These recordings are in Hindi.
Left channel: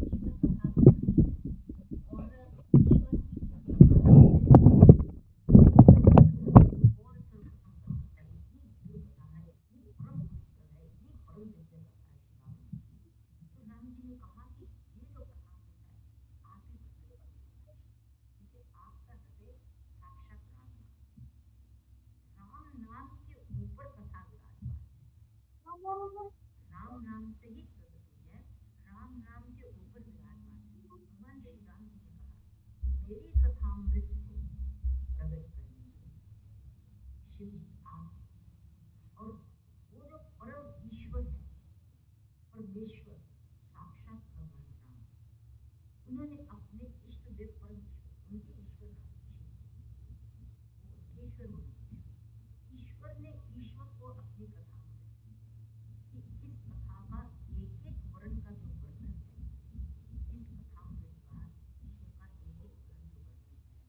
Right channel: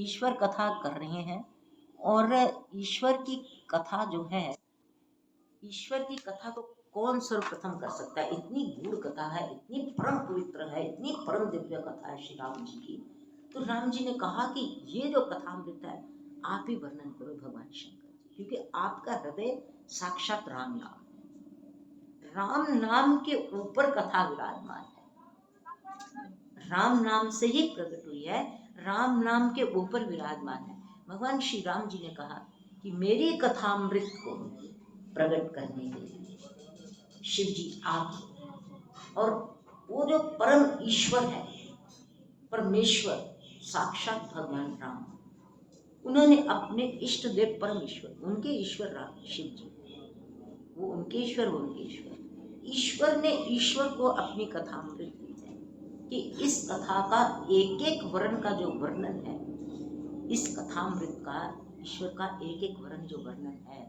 ईश्वर कथा कर रहे हैं और ईश्वर की कथा जो है, ईश्वर की कथा को कौन सर्वप्रथम कर सकता है? इतनी गूढ़ कथा है, इतनी परम पवित्र है, इतनी परम दिव्य कथा है श्री राम जी की। तो राम जी ने कहा कि ये जो कथामृत है आप ही वर्णन करो भगवान शंकर जी, क्योंकि आपका हृदय साक्षात राम नाम है। राम नाम के ऊपर कथा विराजमान है, राम नाम से ही प्रकट हुई है, राम नाम के ऊपर विराजमान है। भगवान श्री राम जी ने कहा कि मेरी कथामृत को प्रकट करने के लिए शिव जी आप, और वो जो परम ईश्वर है, परमेश्वर साक्षात भगवान राम, उन्होंने अपने इष्ट देव परम ईश्वर, उनके ईश्वर राम शिव जी, वो उनके ईश्वर, वो उनके ईश्वर, ईश्वर ने ईश्वर को अपनी कथामृत दी है कि इस कथा का एक एक वर्ण का जो वर्णन है, इस कथामृत का ईश्वर का एक एक वर्ण जो वर्णन है।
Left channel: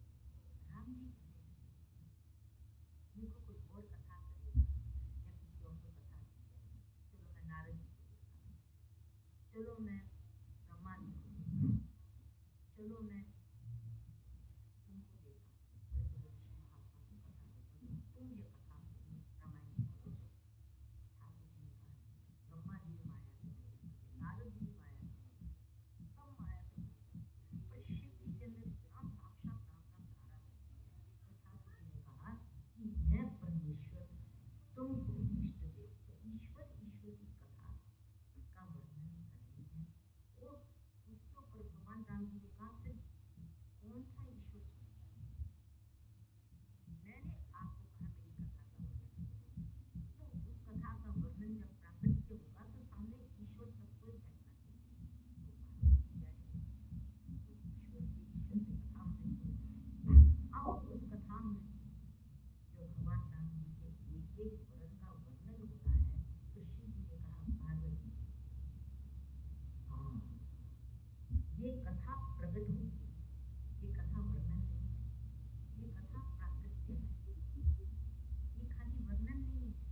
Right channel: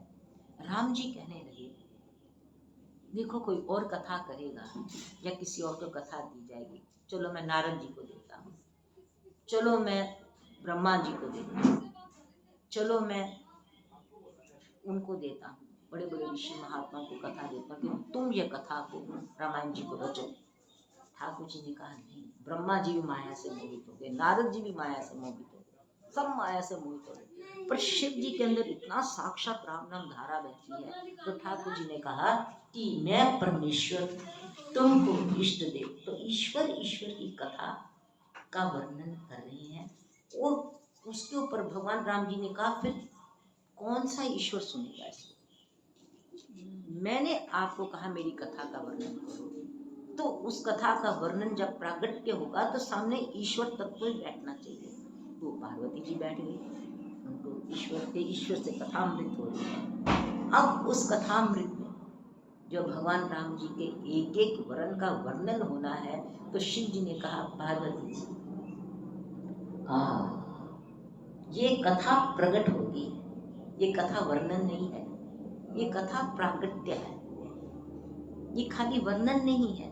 राम जी कहने लगे देखो कोई और कथा करेगा या किसी और को कथा दी जाएगी, चलो मैं नारद जी को देता हूँ, चलो मैं ब्रह्मा जी को देता हूँ, चलो मैं उनको देता हूँ, बड़े बड़े ऋषि महात्मा को कथा देता हूँ कि तुम ये कथा को रामायण जी को रचो। ठाकुर जी ने कहा नहीं, ब्रह्मा जी भी माया से मोहित हो गए, नारद जी भी माया से मोहित हो गए, सब माया से मोहित हो गए, पर शिव जी के अंदर इतना साक्षात राम नाम धारा बहती है। तो ठाकुर जी ने कहा कि मैं परमेश्वर तुमको इष्ट देव, तो ईश्वर ईश्वर की कथा का वर्णन कर रहे हैं। और उसके ऊपर भगवान राम जी ने कहा फिर कौन सा ईश्वर सुनेगा इसको? मैंने आपको कहा मेरी कथा का वर्णन करो, तो उस कथा का वर्णन जब प्रागट्य होगा तो सामने ईश्वर तत्व ही बैठना चाहिए। तो पार्वती जी बैठ गई, उनको ईश्वर से कथामृत हो रही है। अब उस कथामृत में जो भगवान राम जी के एक एक वर्ण का वर्णन होना है, तो शिव जी ने कहा पार्वती जी ये कथा प्रकट होगी, ये कथा वर्णन नहीं है, ये कथा प्रागट्य है, ये खाली वर्णन नहीं है।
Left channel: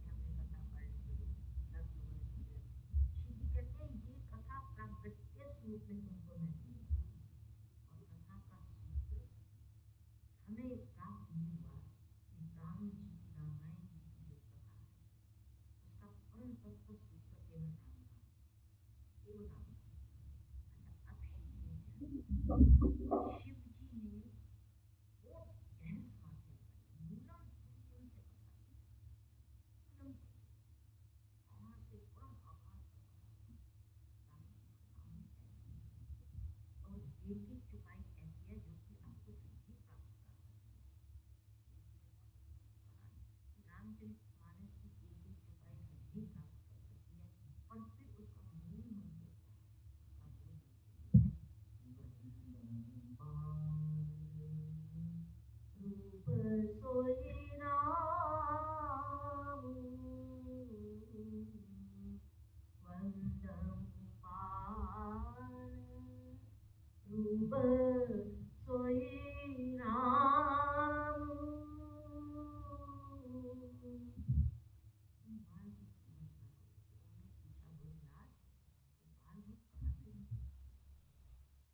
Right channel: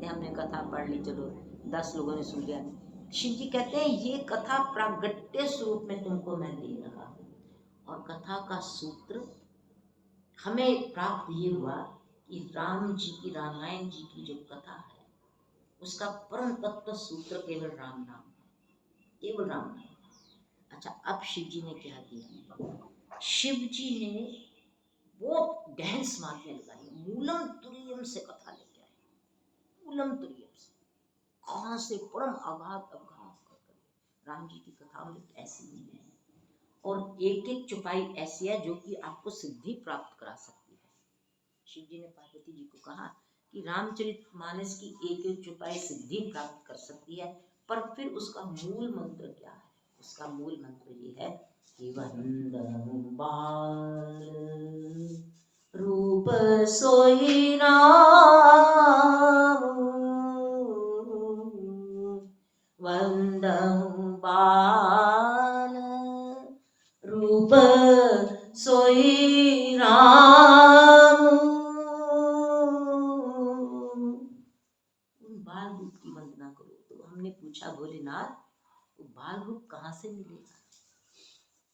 हमने कथा पढ़ ली, चलो 10 लोगों ने सुन लिया। शिव जी कहते हैं ये कथा प्रागट्य स्वरूप में तुमको मैं दे रहा हूं, और कथा का सूत्र हमें प्राप्त ये हुआ कि राम जी की, रामायण जी की जो कथा है उसका परम तत्व सूत्र केवल राम नाम है, केवल राम नाम। अच्छा, अब शिव जी ने क्या किया? शिव जी ने बहुत गहन समाधि लगाई, मूलम तुरीयम से कथा लेके आए, मूलम तुरीयम से, कहां से परम अगाध अभ्यास कर राम जी की कथा में ऐसी नहीं है, और एक एक चुपाई ऐसी है जो कि आपको सिद्धि प्राप्त करा सकती है। शिव जी ने पार्वती जी को कहा कि रामचरितमानस की एक एक चुपाई सिद्धि प्राप्त कर सकती है, पर फिर उसका मूल मंत्र क्या है? उसका मूल मंत्र ये है कि वंदन बाल रूप सोई राम, वंदन बाल रूप सोई राम। उन बाल रूप की वंदना करो। तो हमने पूछा भोलेनाथ वो बाल रूप कहाँ से मिलेगा,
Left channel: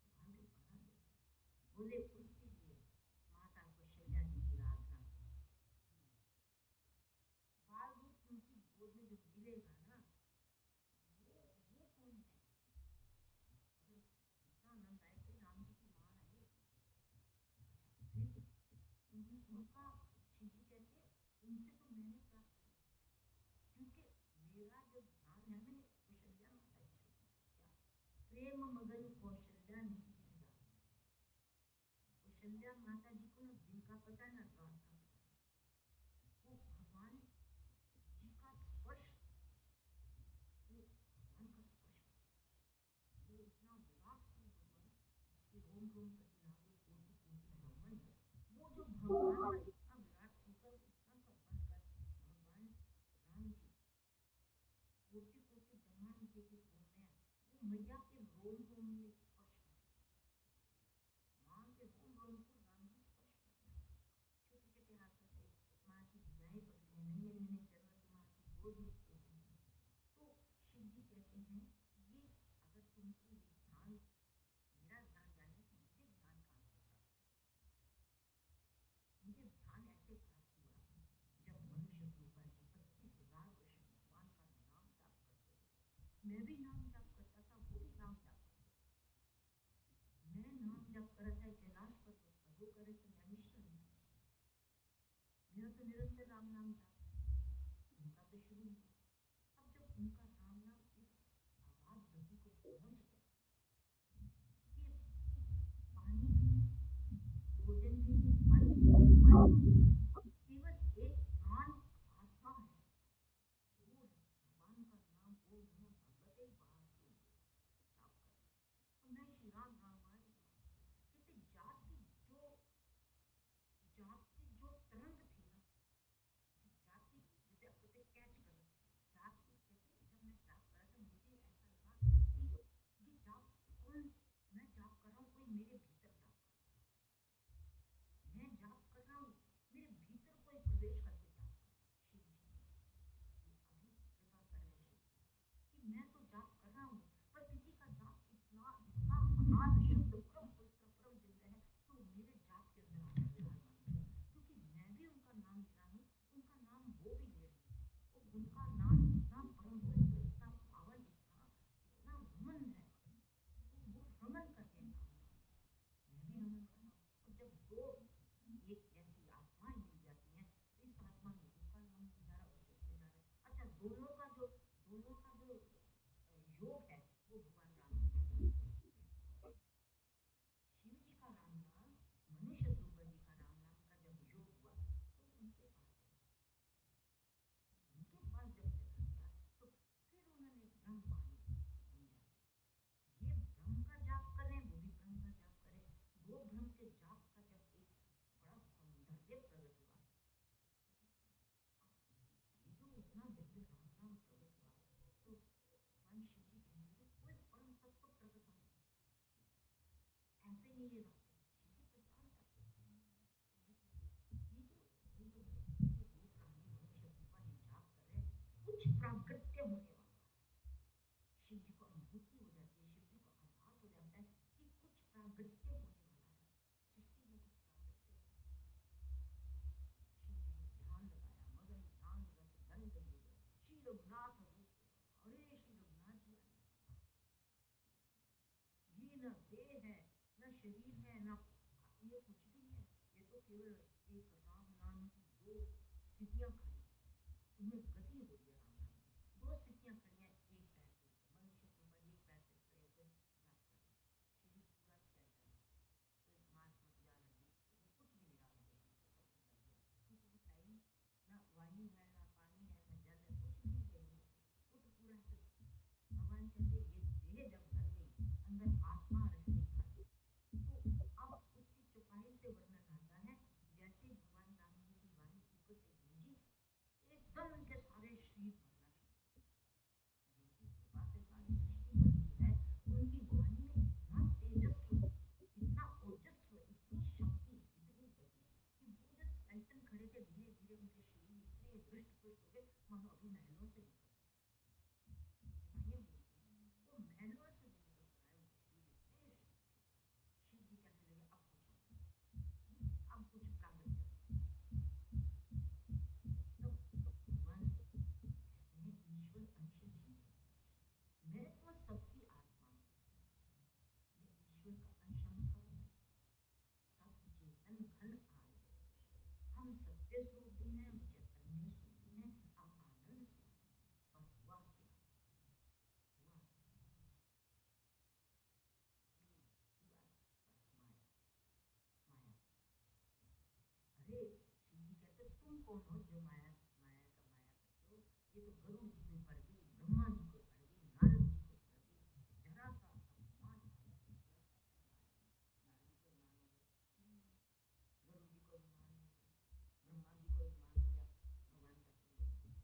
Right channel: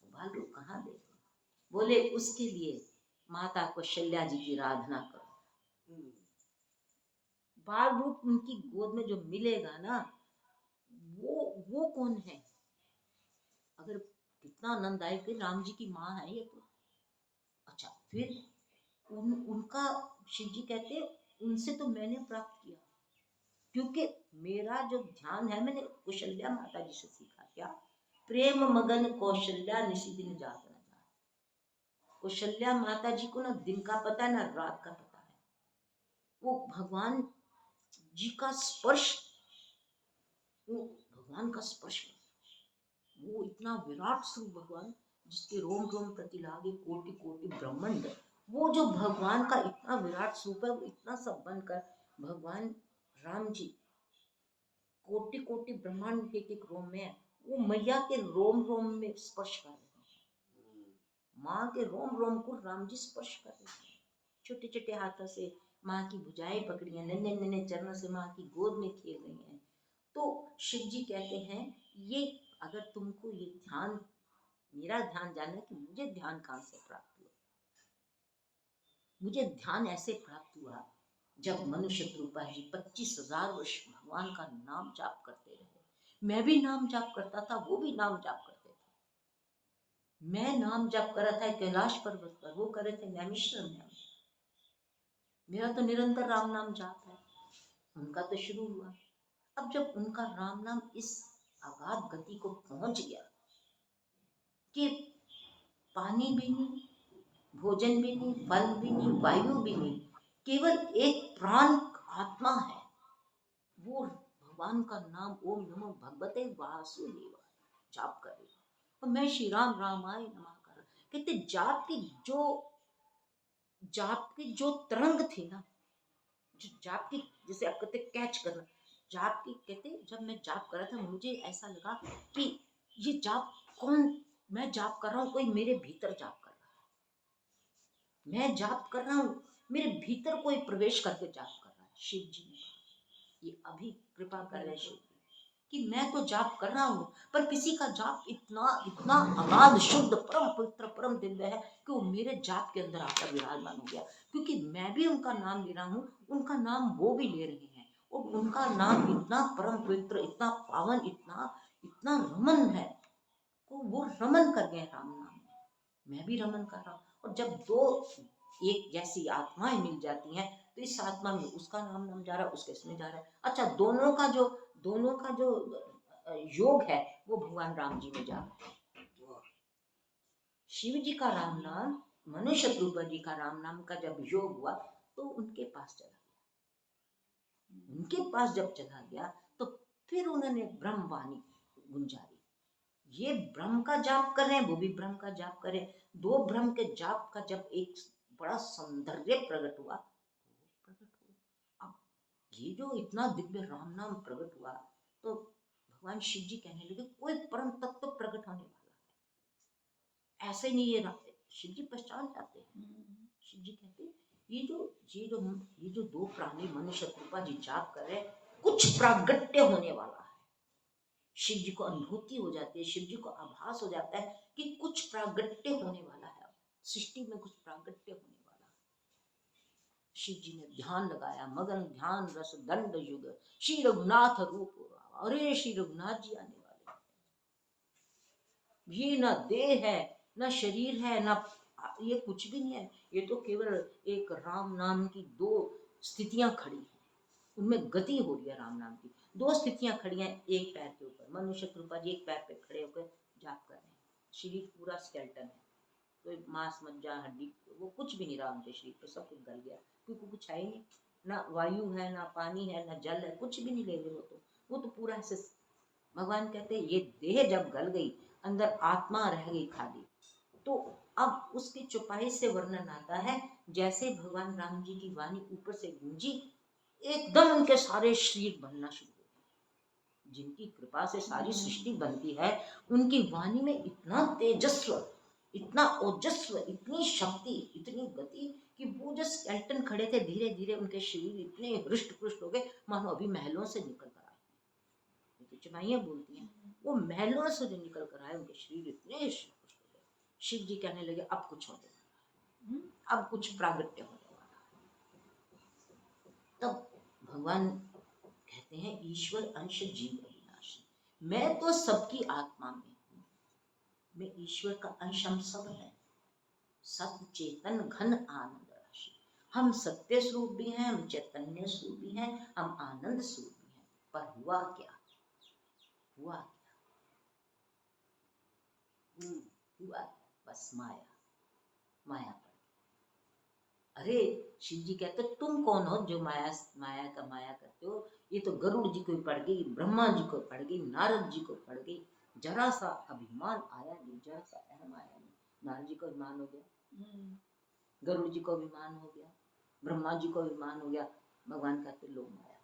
बाल रूप कहाँ दे? बोले उसके लिए माता कौशल्या जी की आराधना करो। बाल रूप उनकी गोद में जो मिलेगा ना, वो कौन है? अगर कितना आनंददायक है, राम जी की माँ है ये तो। अच्छा, फिर उनका शिव जी कहते उनसे तो मैंने प्राप्त किया, क्योंकि मेरा जो ध्यान है मैंने कौशल्या माता जी से सीखा। क्या? प्रेम मगन कौशल्या निशि दिन जागरण। कौशल्या माता जी को ना दिन का पता है ना रात का पता है। वो भगवान जी का स्पर्श, वो भगवान का स्पर्श, वो इतना विराट स्वरूप भगवान जिसके रोम रोम प्रतिलागे कोटि कोटि ब्रह्मांड, वो जो भगवान का इतना विराट स्वरूप है, वो इतना सब बनकर भगवान राम जी कोटि कोटि ब्रह्मांड के एक रोम में है, वो मैया के रोम रोम में स्पर्श कर रहे हैं, माँ के रोम रोम को राम जी स्पर्श कर रहे हैं, छोटे छोटे हाथों से माँ की भुजाएं पकड़ी हैं, नन्हे नन्हे चरणों से माँ की गोद में खेल रही हैं। तो शिव जी कहते हैं ये अगर तुमको आपको ये ध्यान, मेरा ध्यान जानना कि मुझे ध्यान कहाँ से प्राप्त हुआ। मुझे ध्यान ऐसे प्राप्त हुआ जब मनुष्य रूपा जी 25,000 वर्ष भगवान का नाम जाप करते रहे। मैं भी नाम जाप करता था, वो भी नाम जाप करते थे। मैं नाम जाप कर रहा था कैलाश पर्वत पर, वो कर रहे थे नैमिषारण्य में। मेरा तो निरंतर राम नाम जाप है, उनका तो शुरू हुआ। अब जब उनका राम नाम इस अगाध गति को पहुंच गया कि पानी भी नहीं, भोजन भी नहीं, फल भी नहीं, वायु भी नहीं, केवल एक प्राण आत्मा है, वो भगवान का नाम ओम नमो भगवते वासुदेवाय जाप करे। और मैं श्री राम रामाय नमः कर, कहते जाप की जो तरंग थी ना, जो जाप की, जैसे आप कहते कैच करना, जाप की कहते, जब मैं जाप कर रहा था मुझे ऐसा लगा कि ये जाप कौन, मैं जाप कर रहा हूँ, कोई मेरे भीतर जाप कर रहा है, मैं जाप कर रहा हूँ, मेरे भीतर कोई प्रवेश करके जाप कर रहा है। शिव जी ने ये अभी कृपा कर रहे शिव कि मैं तो जाप कर रहा हूँ, पर किसी का जाप इतना इतना अगाध शुद्ध परम पवित्र परम दिव्य है कि वो मेरे जाप के अंदर आकर विराजमान हो गया, क्योंकि मैं भी उनका नाम ले रहा हूँ, उनका नाम वो भी ले रहे हैं, और उनका नाम इतना परम पवित्र, इतना पावन, इतना इतना रमन है, तो वो रमन कर गए राम नाम, मैं भी रमन कर रहा हूँ। और जब दो एक जैसी आत्माएं मिल जाती हैं तो इस आत्मा में उसका नाम जा रहा है, उसके इसमें जा रहा है। अच्छा, दोनों का जो योग है वो भगवान राम जी में जा रहा है। शिव जी का राम नाम, मनुष्य रूप जी का राम नाम का जब योग हुआ तो उनके पास चला गया। उनके पास जब चला गया तो फिर उन्होंने ब्रह्म वाणी गुंजारी, ये ब्रह्म का जाप कर रहे हैं, वो भी ब्रह्म का जाप करे, दो ब्रह्म के जाप का जब एक बड़ा सौंदर्य प्रकट हुआ, अब ये जो इतना दिव्य राम नाम प्रकट हुआ तो भगवान शिव जी कहने लगे कोई परम तत्व प्रकट होने वाला है। ऐसे नहीं ये शिव जी पहचान जाते हैं। शिव जी कहते ये जो दो प्राणी मनुष्य कृपा जी जाप कर रहे हैं, कुछ प्रागट्य होने वाला है। शिव जी को अनुभूति हो जाती है, शिव जी को आभास हो जाता है कि कुछ प्रागट्य होने वाला है, सृष्टि में कुछ प्रागट्य होने वाला है। शिव जी ने ध्यान लगाया, मगन ध्यान रस दंड युग श्री रघुनाथ रूप, अरे श्री रघुनाथ जी आने वाले, ये न देह है, न शरीर है, न ये कुछ भी नहीं है, ये तो केवल एक राम नाम की दो स्थितियां खड़ी हैं, उनमें गति हो रही है राम नाम की। दो स्थितियां खड़ी हैं एक पैर के ऊपर, मनुष्य कृपा जी एक पैर पे खड़े होकर जाप कर रहे हैं, शरीर पूरा स्केल्टन है, कोई मांस मज्जा हड्डी वो कुछ भी नहीं रहा उनके शरीर पे, सब कुछ गल गया, क्योंकि कुछ है ही नहीं, ना वायु है, ना पानी है, ना जल है, कुछ भी नहीं ले रहे वो तो पूरा ऐसे। भगवान कहते हैं ये देह जब गल गई, अंदर आत्मा रह गई खाली, तो अब उसकी चुपाई से वर्णन आता है जैसे भगवान राम जी की वाणी ऊपर से गूंजी, एकदम उनके सारे शरीर बनना शुरू हो। जिनकी कृपा से सारी सृष्टि बनती है, उनकी वाणी में इतना तेजस्व, इतना ओजस्व, इतनी शक्ति, इतनी गति कि वो जो स्केल्टन खड़े थे धीरे धीरे उनके शरीर इतने हृष्ट पुष्ट हो गए मानो अभी महलों से निकल कर आए। तो चुनाइयां बोलती हैं वो महलों से जो निकल कर आए, उनके शरीर इतने हृष्ट पुष्ट हो गए। शिव जी कहने लगे अब कुछ होने वाला है, अब कुछ प्रागट्य होने वाला है। तब भगवान कहते हैं ईश्वर अंश जीव अविनाशी, मैं तो सबकी आत्मा में हूँ, मैं ईश्वर का अंश, हम सब है, सत्य चेतन घन आनंद राशि, हम सत्य स्वरूप भी हैं, हम चैतन्य स्वरूप भी हैं, हम आनंद स्वरूप भी हैं। पर हुआ क्या, हुआ बस माया, माया पर। अरे शिव जी कहते तुम कौन हो जो माया का माया करते हो, ये तो गरुड़ जी को पड़ गई, ब्रह्मा जी को पड़ गई, नारद जी को पड़ गई, जरा सा अभिमान आया नहीं, जरा सा अहम आया नहीं। नारद जी को अभिमान हो गया, गरुड़ जी को अभिमान हो गया, ब्रह्मा जी को अभिमान हो गया। भगवान कहते लो माया,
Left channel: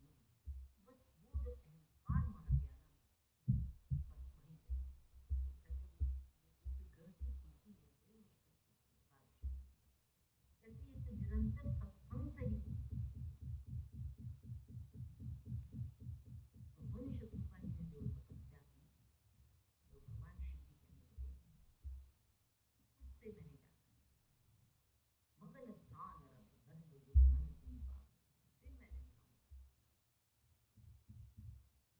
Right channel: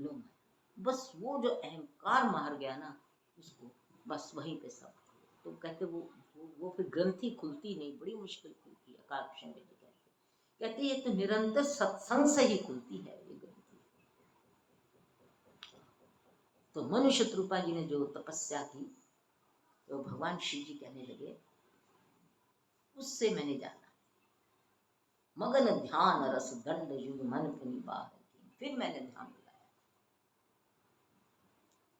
लो माया, बस वो जो अहंकार मार गया ना उसको, बस वहीं पे सब। तो कहते वो फिर ग्रंथि खुलती नहीं, बड़ी मुश्किल खुलती है। अकाल जी कहते ये तो निरंतर सत्संग से ही खुलती है ये ग्रंथि। तो मनुष्य रूपा जी ने जो तपस्या की तो भगवान शिव जी कहने लगे, उससे मैंने जाना, मगन ध्यान रस दंड युग मन पुनि बाहर की। फिर मैंने ध्यान लगाया,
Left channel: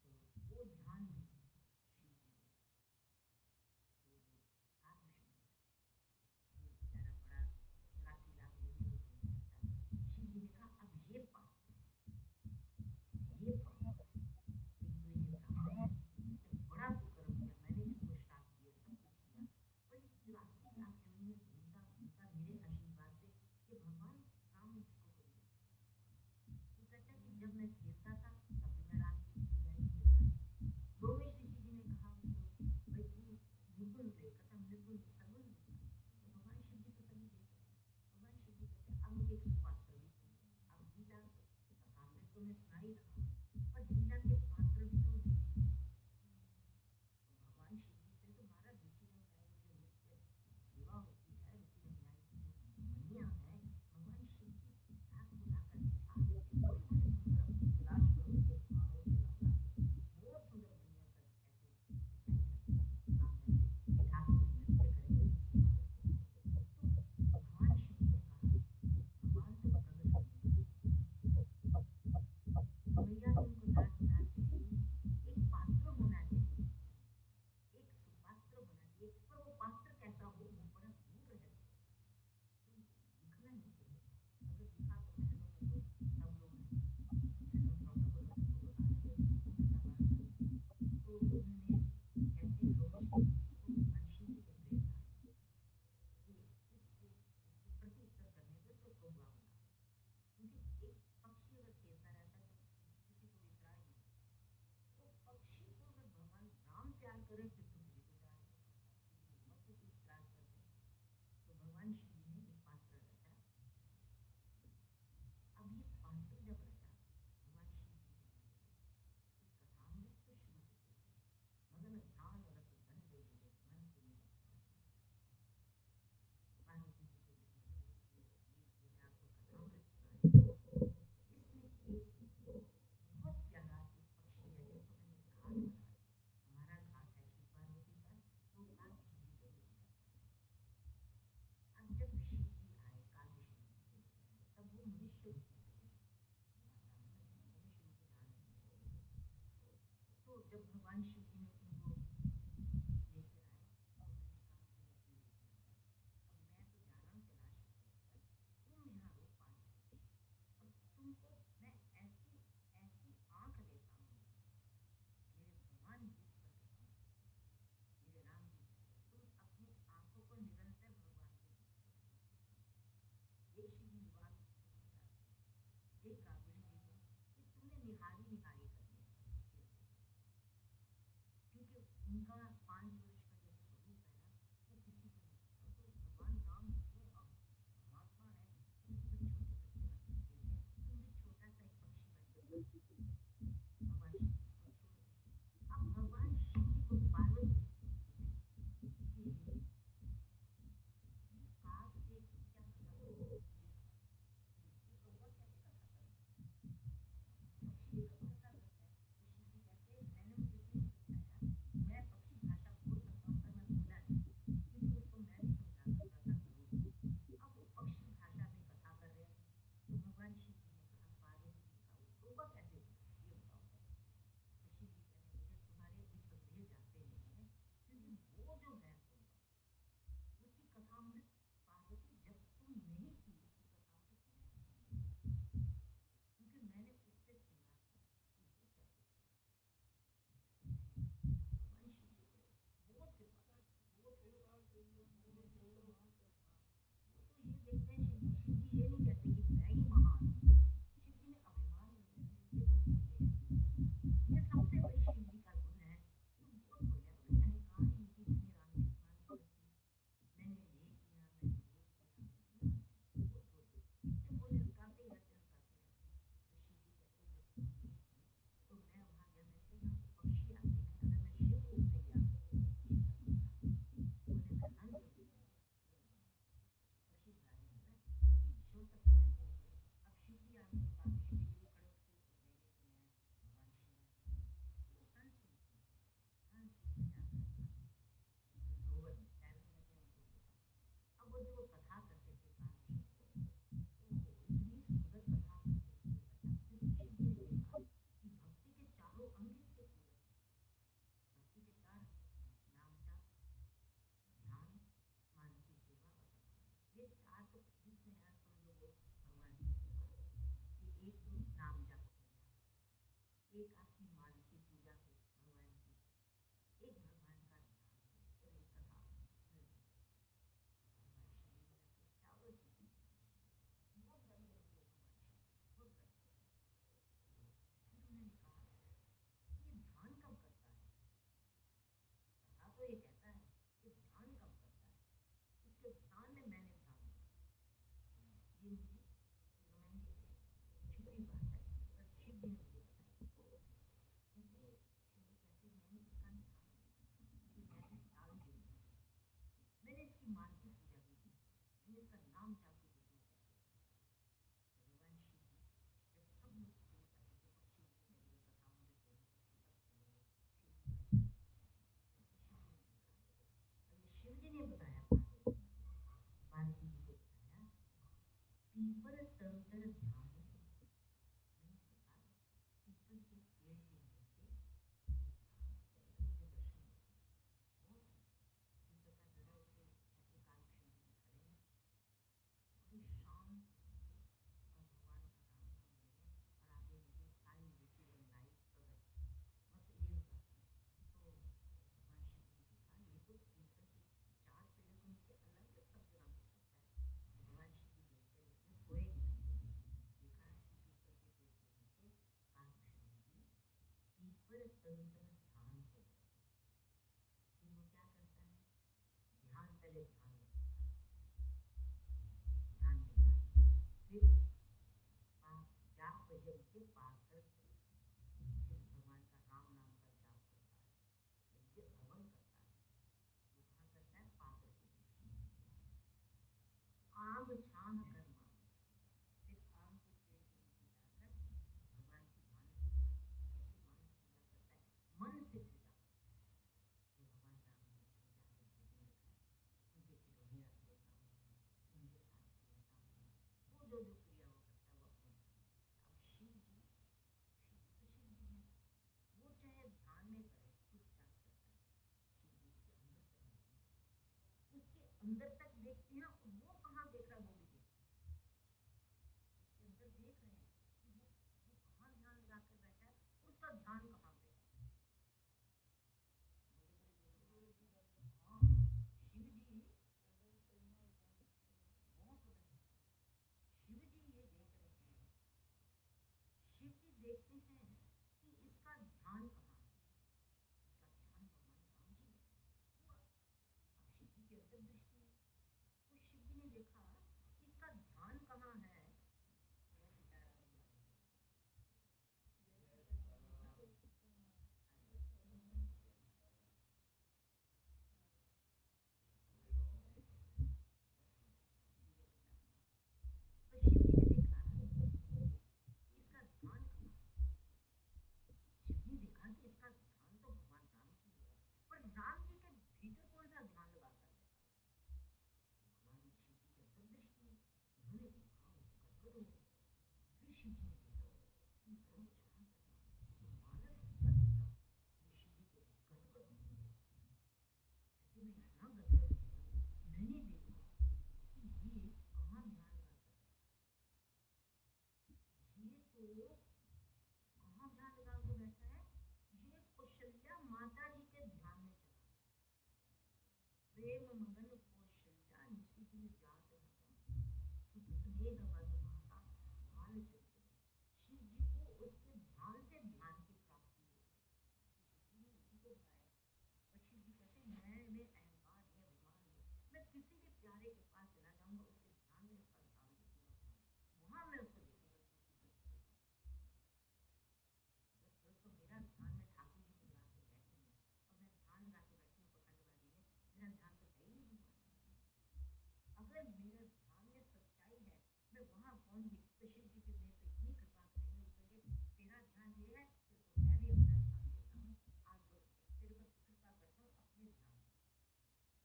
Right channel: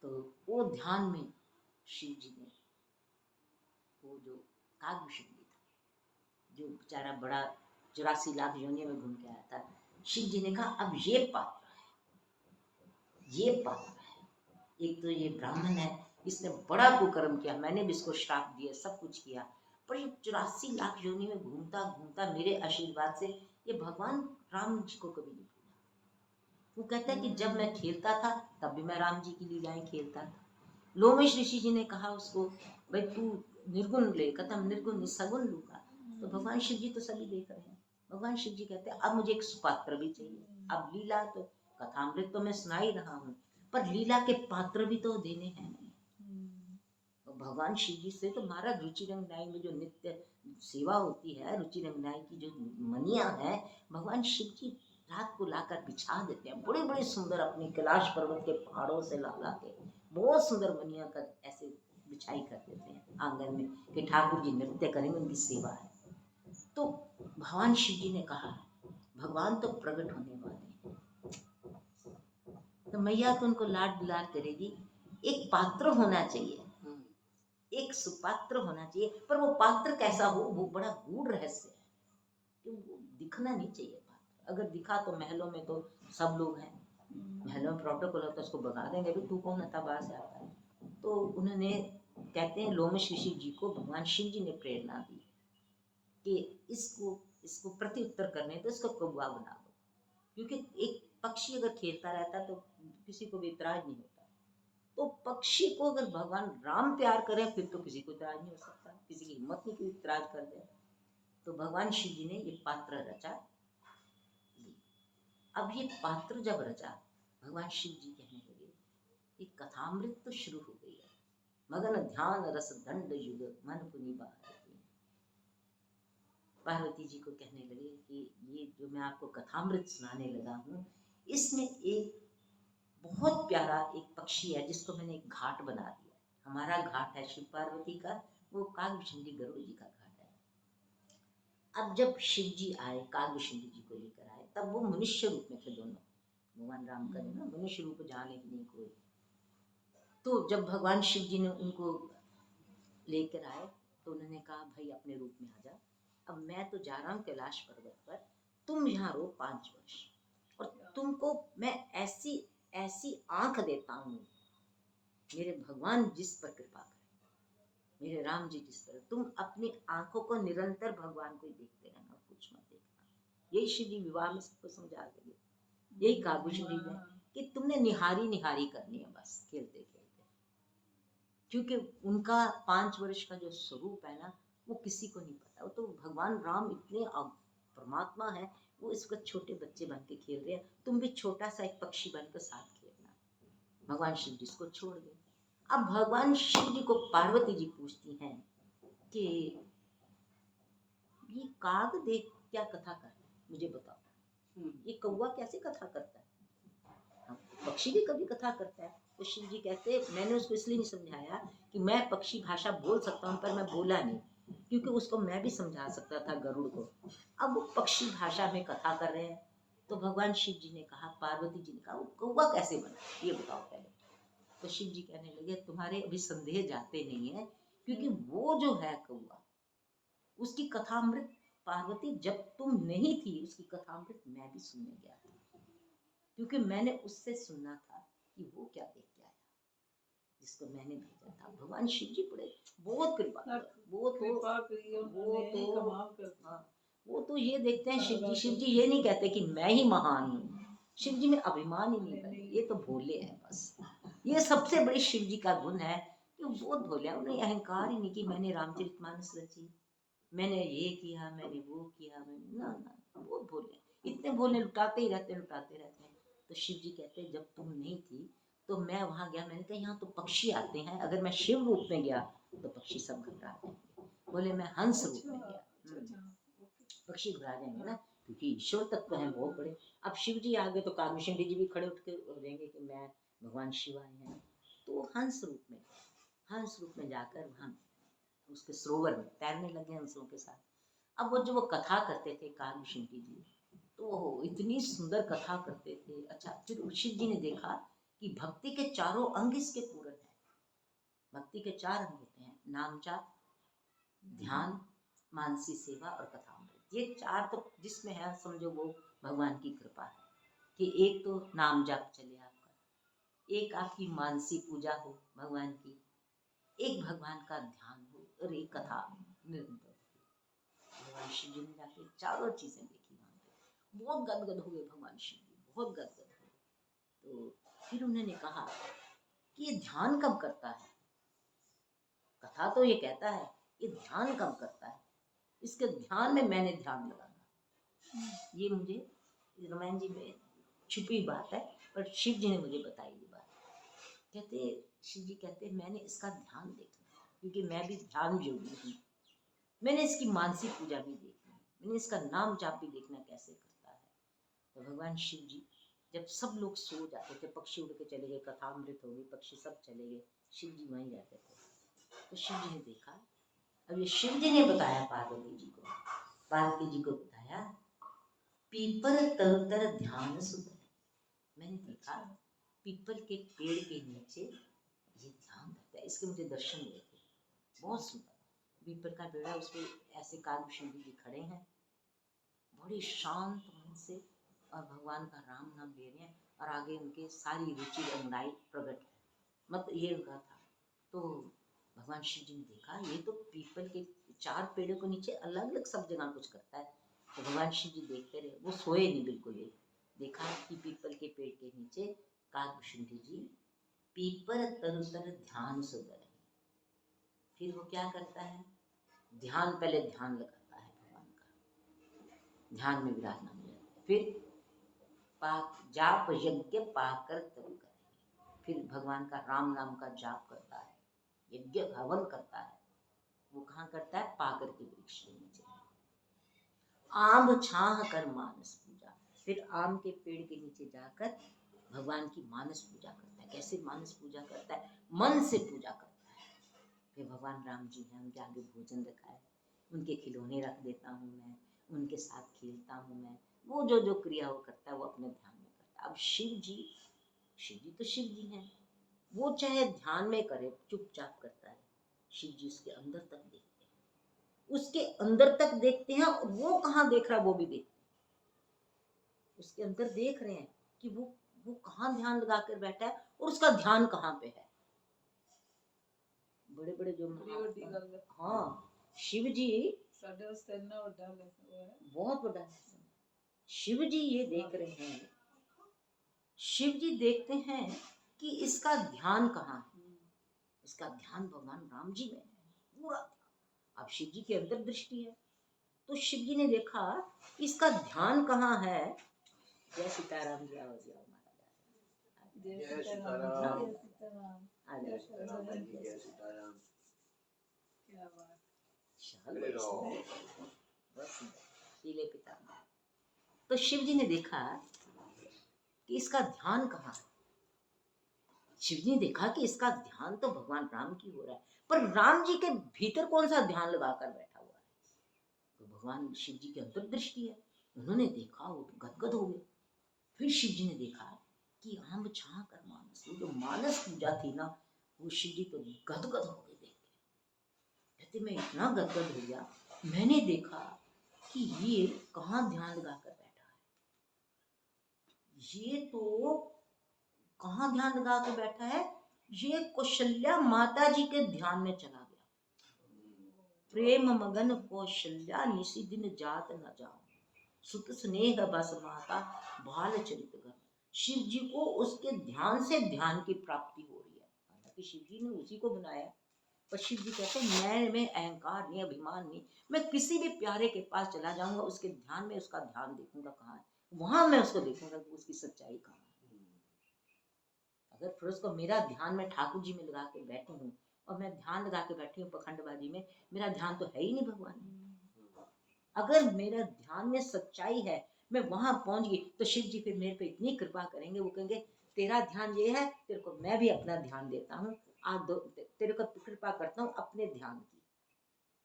तो वो ध्यान में शिव जी ने, वो जो कागभूषण जी था, जो बेचारा बड़ा 84 लाख योनियों में घूम के आया था, शिव जी ने कहा अब ये पात्र है, ये पात्र है, एक तो ये ब्राह्मण है, इसने बड़ा कुकर्म किया, मैंने भी इसको श्राप दिया, सब कुछ किया, पर ये 84 लाख योनि में घूमता घूमता मेरे आशीर्वाद से ये भगवान राम जी को कभी नहीं भूला। वो कहता है कि जब मैं खेलता था तब भी मैं राम जी की लीलाएं खेलता था। लोमेश ऋषि जी ने कहा उसको, भाई तू निर्गुण ले, कहता निर्गुण सगुण लूंगा। तो भगवान शिव जी तो सभी देख रहे हैं, भगवान शिव जी कहते हैं अब मुझे एक सुपात्र भी चाहिए। अब लीला तो कथामृत तो मैं सुना ही रहा हूँ, पर लीला के पात्र भी तो देने हैं। तो भगवान शिव जी से तो महाराज रुचि रंगनाई में जो नित्य सेवा होती है, रुचि रंगनाई की जो मनिया है, भगवान शिव जी रात को लाकर बिछा देते हैं, बड़े बड़े सुंदर, अपने कैलाश पर्वत के पहाड़ों से ला के बहुत सुंदर मनिया कर ऐसे बिछाई कर देते हैं आंगन में कि ठाकुर जी नृत्य करेंगे, उनकी सेवा है। तो भगवान शिव जी ने कहा भगवान तो प्रकट होने वाले हैं, तो मैया तो उनको लाड दुलार करेगी, एक पात्र होना चाहिए, एक सुपात्र होना चाहिए, पर वो पात्र कैसा हो, वो बड़ा गूढ़ रहस्य है, कि वो दिखना नहीं चाहिए पात्र। अगर दिखा तो महलों में तो सब लोग हैं, महलों में प्रोटोकॉल होता है, उसको भगा देंगे, भी तू कौन था, बाहर से आता है। तो उन्होंने, कहते हैं लोमेश ऋषि जी को भगवान शिव जी ने प्रेरणा दी कि इसको प्रत्युत्तर करने तो इसको कौवा बना दो, क्योंकि एक पक्षी अगर खेलता रहता तो किसी को भी इतराज नहीं होता। तो पक्षी को अगर भगवान राम प्यार करें फिर तो किसी को इतराज नहीं हो सकता, किसी की हिम्मत नहीं कि इतराज कर दे। तो भगवान शिव जी ने ये पात्र रचा। अब ये पात्र जब रचा, भगवान शिव जी कहने लगे, ये कथामृत तो शुरू हो गई है, मगन ध्यान रस दंड युग मन पुनि बाहर की। पार्वती जी को कहने लगे कि ये जो मैं आपको कथामृत सुनाने लगा हूँ, इसमें एक बहुत प्यारा एक पक्षी है जिसको मैंने एक घाट बना दिया। हमारा घाट है शिव पार्वती का, वो कागभूषण गरुड़ जी का घाट है। अब जब शिव जी आए, कागभूषण जी को लेकर आए, तब वो मनुष्य रूप में थे दोनों, भगवान राम का ना मनुष्य रूप जाने की नहीं कोई। तो जब भगवान शिव जी ने उनको लेकर आए तो उन्होंने कहा भाई अपने रूप में आ जा, अब मैं तो जा रहा हूँ कैलाश पर्वत पर, तुम यहाँ रहो 5 वर्ष, और तुमको मैं ऐसी ऐसी आंख देता हूँ, मेरे भगवान जिस पर कृपा करें, मेरे राम जी जिस पर, तुम अपनी आंखों को निरंतर भगवान को ही देखते रहना, कुछ मत देखना। यही शिव जी विवाह में सबको समझा देंगे, यही कागभूषण जी ने कि तुमने निहारी निहारी करनी है बस खेलते खेलते, क्योंकि उनका 5 वर्ष का जो स्वरूप है ना, वो किसी को नहीं पता। वो तो भगवान राम इतने परमात्मा है, वो इस वक्त छोटे बच्चे बन के खेल रहे हैं, तुम भी छोटा सा एक पक्षी बनकर साथ खेलना। भगवान शिव जी इसको छोड़ गए। अब भगवान शिव जी को पार्वती जी पूछती हैं कि ये काग देख क्या कथा कर रहे हैं, मुझे बताओ, ये कौवा कैसे कथा करता है, पक्षी भी कभी कथा करता है। तो शिव जी कहते, मैंने उसको इसलिए नहीं समझाया कि मैं पक्षी भाषा बोल सकता हूँ, पर मैं बोला नहीं, क्योंकि उसको मैं भी समझा सकता था गरुड़ को। अब वो पक्षी भाषा में कथा कर रहे हैं, तो भगवान शिव जी ने कहा, पार्वती जी ने कहा, वो कौवा कैसे बना, ये बताओ पहले। तो शिव जी कहने लगे, तुम्हारे अभी संदेह जाते नहीं है, क्योंकि वो जो है कौवा, उसकी कथामृत पार्वती जब तुम नहीं थी, उसकी कथामृत मैं भी सुनने गया था, क्योंकि मैंने उससे सुनना था कि वो क्या देख के आया, जिसको मैंने भेजा था। भगवान शिव जी बड़े बहुत कृपा, वो तो ये देखते हैं शिव जी ये नहीं कहते कि मैं ही महान हूँ, शिव जी में अभिमान ही नहीं बने, ये तो भोले हैं बस। ये सबसे बड़ी शिव जी का गुण है कि बहुत भोले हैं, उन्हें अहंकार ही नहीं कि मैंने रामचरितमानस रची, मैंने ये किया, मैंने वो किया, मैंने ना ना, बहुत भोले, इतने भोले, लुटाते ही रहते हैं। तो शिव जी कहते हैं, जब तुम नहीं थी तो मैं वहां गया, मैंने कहा यहाँ तो पक्षी आते हैं, अगर मैं शिव रूप में गया तो पक्षी सब घबरा जाएंगे, बोले मैं हंस रूप में गया, पक्षी घबरा जाएंगे ना, क्योंकि ईश्वर तत्व है बहुत बड़े। अब शिव जी आ गए तो कागभूषण जी भी खड़े उठ के रहेंगे कि मैं भगवान शिव आए हैं, तो हंस रूप में, हंस रूप में जाकर वहाँ उसके सरोवर में तैरने लगे हंसों के साथ। अब वो कथा करते थे कालभूषणी जी, तो वो इतनी सुंदर कथा करते थे। अच्छा, फिर शिव जी ने देखा कि भक्ति के चारों अंग इसके पूरक हैं। भक्ति के 4 अंग होते हैं, नाम जाप, ध्यान, मानसी सेवा और कथामृत। ये 4 तो जिसमें है समझो वो भगवान की कृपा है कि एक तो नाम जाप चले आपका, एक आपकी मानसी पूजा हो भगवान की, एक भगवान का ध्यान हो और एक कथा निरंतर। भगवान शिव जी ने जाके चारों चीजें देखी वहां पे, बहुत गदगद हो गए भगवान शिव जी, बहुत गदगद हो। तो फिर उन्होंने कहा कि ये ध्यान कब करता है? कथा तो ये कहता है, ये ध्यान कब करता है? इसके ध्यान में मैंने ध्यान लगाना, ये मुझे रामायण जी में छुपी बात है, पर शिव जी ने मुझे बताई ये बात। कहते शिव जी कहते मैंने इसका ध्यान देखना, क्योंकि मैं भी ध्यान योगी हूँ। मैंने इसकी मानसिक पूजा भी देखी, मैंने इसका नाम जाप भी देखना कैसे करता है। तो भगवान शिव जी जब सब लोग सो जाते थे, पक्षी उड़ के चले गए, कथामृत हो गई, पक्षी सब चले गए, शिव जी वहीं रहते थे। तो शिव जी ने देखा, अब ये शिव जी ने बताया पार्वती जी को, पार्वती जी को बताया, पीपल तरुतर ध्यान सुधर। मैंने देखा पीपल के पेड़ के नीचे ये ध्यान करता है। इसके मुझे दर्शन हुए थे, बहुत सुंदर पीपल का पेड़ है, उस पर ऐसे कालभूषणी जी खड़े हैं बड़ी शांत मन से, और भगवान का राम नाम ले रहे हैं, और आगे उनके सारी रुचि रंगाई प्रकट है, मत ये उनका था। तो भगवान शिव जी ने देखा ये तो पीपल के 4 पेड़ों के नीचे अलग अलग सब जगह कुछ करता है। तो भगवान शिव जी देखते रहे, वो सोए नहीं बिल्कुल ही। देखा कि पीपल के पेड़ के नीचे कालभूषणी जी पीपल तरुतर ध्यान सुधर। फिर वो क्या करता है, ध्यान, पहले ध्यान लगाता है भगवान का, ध्यान में विराजमान हो जाता है। फिर पाक जाप यज्ञ पाकर तब करे, फिर भगवान का राम नाम का जाप करता है, यज्ञ हवन करता है। वो कहाँ करता है? पाकर के वृक्ष के नीचे। आम छाह कर मानस पूजा, फिर आम के पेड़ के नीचे जाकर भगवान की मानस पूजा करता है। कैसे मानस पूजा करता है? मन से पूजा करता है। फिर भगवान राम जी हैं, उनके आगे भोजन रखा है, उनके खिलौने रख देता हूँ मैं, उनके साथ खेलता हूँ मैं, वो जो जो क्रिया वो करता है वो अपने ध्यान में करता है। अब शिव जी तो शिव जी हैं, वो चाहे ध्यान में करे चुपचाप करता है, शिव जी उसके अंदर तक देखते हैं, उसके अंदर तक देखते हैं, और वो कहाँ देख रहा है वो भी देखते हैं। उसके अंदर देख रहे हैं कि वो कहाँ ध्यान लगा कर बैठा है और उसका ध्यान कहाँ पे है। बड़े बड़े जो हाँ, शिव जी बहुत बड़ा है। शिव जी ये देख रहे हैं, शिव जी देखते हैं कि इसका ध्यान कहाँ है। इसका ध्यान भगवान राम जी में है पूरा। अब शिव जी की अंतर्दृष्टि है, तो शिव जी ने देखा कि इसका ध्यान कहाँ है। जय सीताराम, जय हो जाओ महाराज, जय सीताराम, जय सीताराम। क्या बात, पीले पिताम्बर। तो शिव जी ने देखा कि इसका ध्यान कहाँ है। शिव जी ने देखा कि इसका ध्यान तो भगवान राम की हो रहा है, पर राम जी के भीतर कौन सा ध्यान लगाकर बैठा हुआ है। तो भगवान शिव जी की अंतर्दृष्टि है, उन्होंने देखा, वो गदगद हो गए। फिर शिव जी ने देखा कि आम छा कर मानस, वो जो मानस पूजा थी ना, वो शिव जी तो गदगद हो गए देख के। कहते मैं इतना गदगद हो गया, मैंने देखा कि ये कहाँ ध्यान लगाकर बैठा है, ये तो कहाँ ध्यान लगा के बैठा है, ये कौशल्या माता जी के ध्यान में चला गया। प्रेम मगन कौशल्या निशि दिन जात न जाओ, सुत स्नेह बस माता बाल चरित गण। शिव जी को उसके ध्यान से ध्यान की प्राप्ति हो रही है। हालांकि शिव जी ने उसी को बनाया, पर शिव जी कहते हैं मैं अहंकार नहीं, अभिमान नहीं, मैं किसी भी प्यारे के पास चला जाऊंगा, उसके ध्यान में उसका ध्यान देखूंगा कहाँ है, वहां मैं उसको देखूंगा कि उसकी सच्चाई कहाँ है। अगर फिर उसको मेरा ध्यान में ठाकुर जी में लगा के बैठी हूँ, और मैं ध्यान लगा के बैठी हूँ पखंडबाजी में, मेरा ध्यान तो है ही नहीं भगवान में। अगर मेरा ध्यान में सच्चाई है, मैं वहां पहुंच गई, तो शिव जी फिर मेरे पे इतनी कृपा करेंगे, वो कहेंगे तेरा ध्यान ये है, तेरे को मैं भी अपना ध्यान देता हूँ, आज तेरे को कृपा करता हूँ अपने ध्यान की।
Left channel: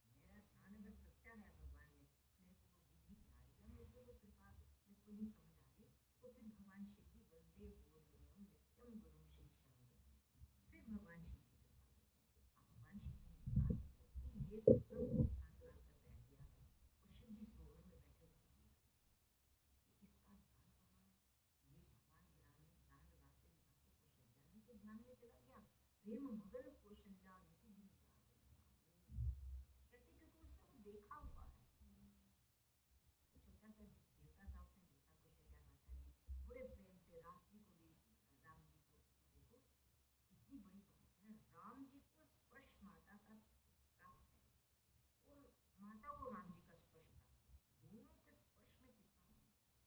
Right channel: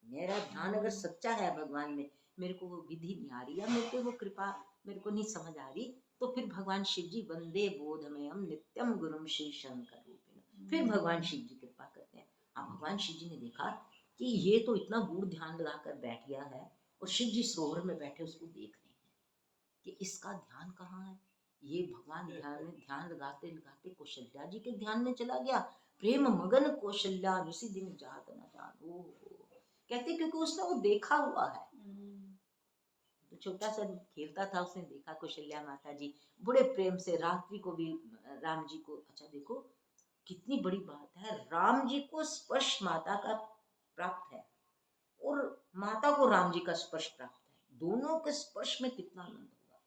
मेरा ध्यान अगर सच्चा है भगवान में, मेरे को वो विधि नहीं आ रही या मेरे को वो कृपा मेरे को नहीं समझ आ रही, तो फिर भगवान शिव जी वंदे बोधमयम नित्यम गुरुम श्री शंकर रूपिण, फिर भगवान शिव जी कृपा करते हैं। अब भगवान शिव जी ने देखा कि ये तो इतना गूढ़ ध्यान लगाकर बैठ गया है, और शिव जी सरोवर में बैठे उसको देख रहे हैं कि इसका ध्यान कहाँ है। ये भगवान ध्यान लगाते लगाते कौशल्या जी के ध्यान में चला गया। प्रेम मगन कौशल्या उसी दिन जात न जान, कहते क्योंकि उसने वो देखा हुआ है। तो छोटा सा खेलता था, उसने देखा कौशल्या माता जी बड़े प्रेम से रात्रि को भी राम जी को, अच्छा देखो कितनी बड़ी बात है, राम जी को स्पर्श माता का प्राप्त है और माता को राम जी का स्पर्श प्राप्त है। दोनों के स्पर्श में कितना आनंद होगा।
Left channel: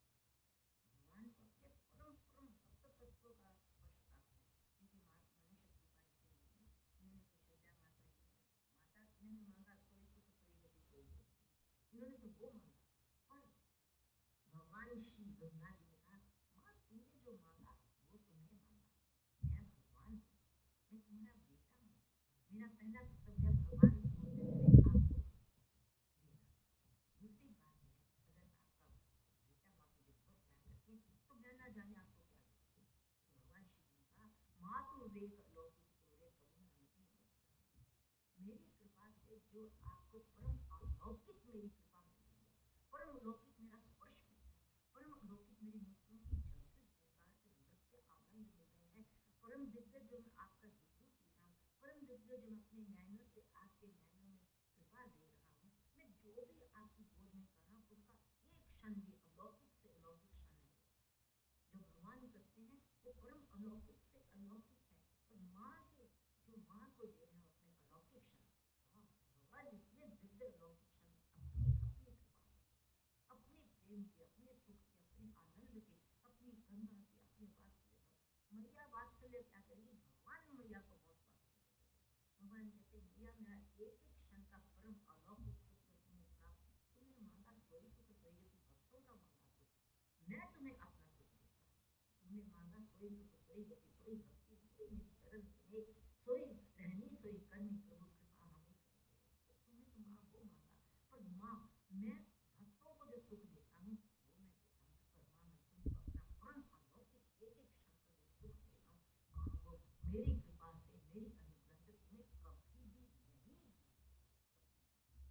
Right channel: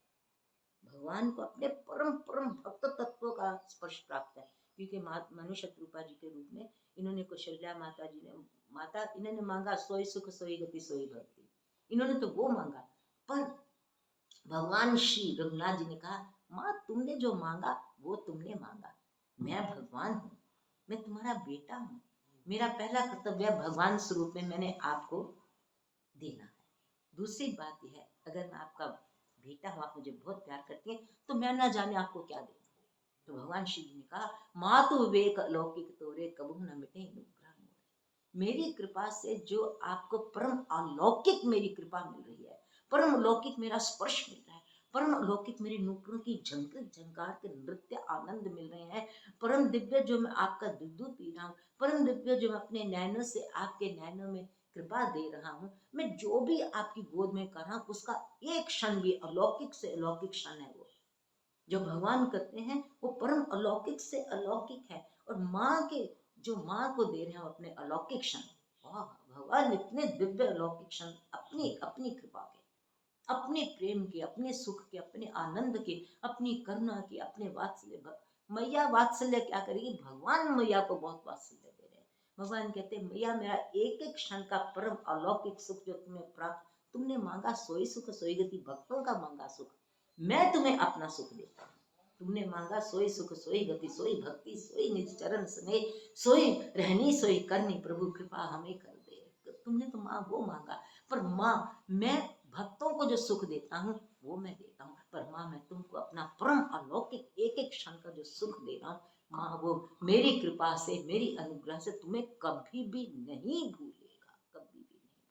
भगवान को अपने परम परम भक्त तत्व का स्पर्श प्राप्त है, क्योंकि मनुष्य रूपा जी के रूप में इन्होंने कौशल्या माता जी ने इन्होंने मांगा सोई सुख सोई गति सोई भक्ति, इन्होंने तो वो मांगा। पर भगवान श्री रघुनाथ जी ने कहा माँ तुमने जो मांगा वो तुमने मांगा, मैं भगवान हूँ, मैं तुम्हारा बेटा हूँ, मेरा पहला कर्तव्य भगवान स्वरूप में मैंने आपको देना है। दूसरी बात यह है, अगर मैं आपका बेटा हूँ, आप मुझे बहुत प्यार करती हैं, तो मैं ना जाने आपको क्या दे। तो भगवान शिव जी ने कहा माँ तो विवेक अलौकिक तोरे कबू न मिटे अनुग्रह मोरे। मेरी कृपा से जो आपको परम अलौकिक मेरी कृपा मिल रही है, परम अलौकिक मेरा स्पर्श मिल रहा है, परम अलौकिक मेरे नूपुरों की झंकृत झंकार के नृत्य आनंद मिल रहे हैं, परम दिव्य जो मैं आपका दूध पी रहा हूँ, परम दिव्य जो मैं अपने नैनों से आपके नैनों में कृपा दे रहा हूँ, मैं जो भी आपकी गोद में कर रहा हूँ उसका एक क्षण भी अलौकिक से अलौकिक क्षण है। वो जो भगवान करते हैं वो परम अलौकिक से अलौकिक है, और माँ के जो माँ को दे रहे हैं अपने अलौकिक क्षण, भगवान इतने दिव्य अलौकिक क्षण अपनी अपनी कृपा के, अपने प्रेम के, अपने सुख के, अपने आनंद के, अपनी करुणा के, अपने वात्सल्य। मैया वात्सल्य क्या करेगी, भगवान मैया को बहुत वात्सल्य दे रहे हैं। भगवान कहते हैं मैया मेरा एक एक क्षण का परम अलौकिक सुख जो तुम्हें प्राप्त, तुमने मांगा सोई सुख सोई गति, भक्तों का मांगा सुख, मैं तुम्हें अपना सुख देता हूँ। तुमने मांगा सोई सुख सोई गति सोई भक्ति सोई निज चरण स्नेह सोई रहनी सोई करनी, प्रभु कृपा हमें कर दे। तुमने तो माँ वो मांगा, पर माँ मैं भक्तों को जो सुख देता हूँ वो मैं देता हूँ, पर माँ मैं तुमको अपना परम अलौकिक एक एक क्षण का जो सुख दे रहा हूँ, माँ वो मेरी कृपा से मेरी अनुग्रह से तुम्हें कभी भी नहीं भूलेगा, कभी भी नहीं।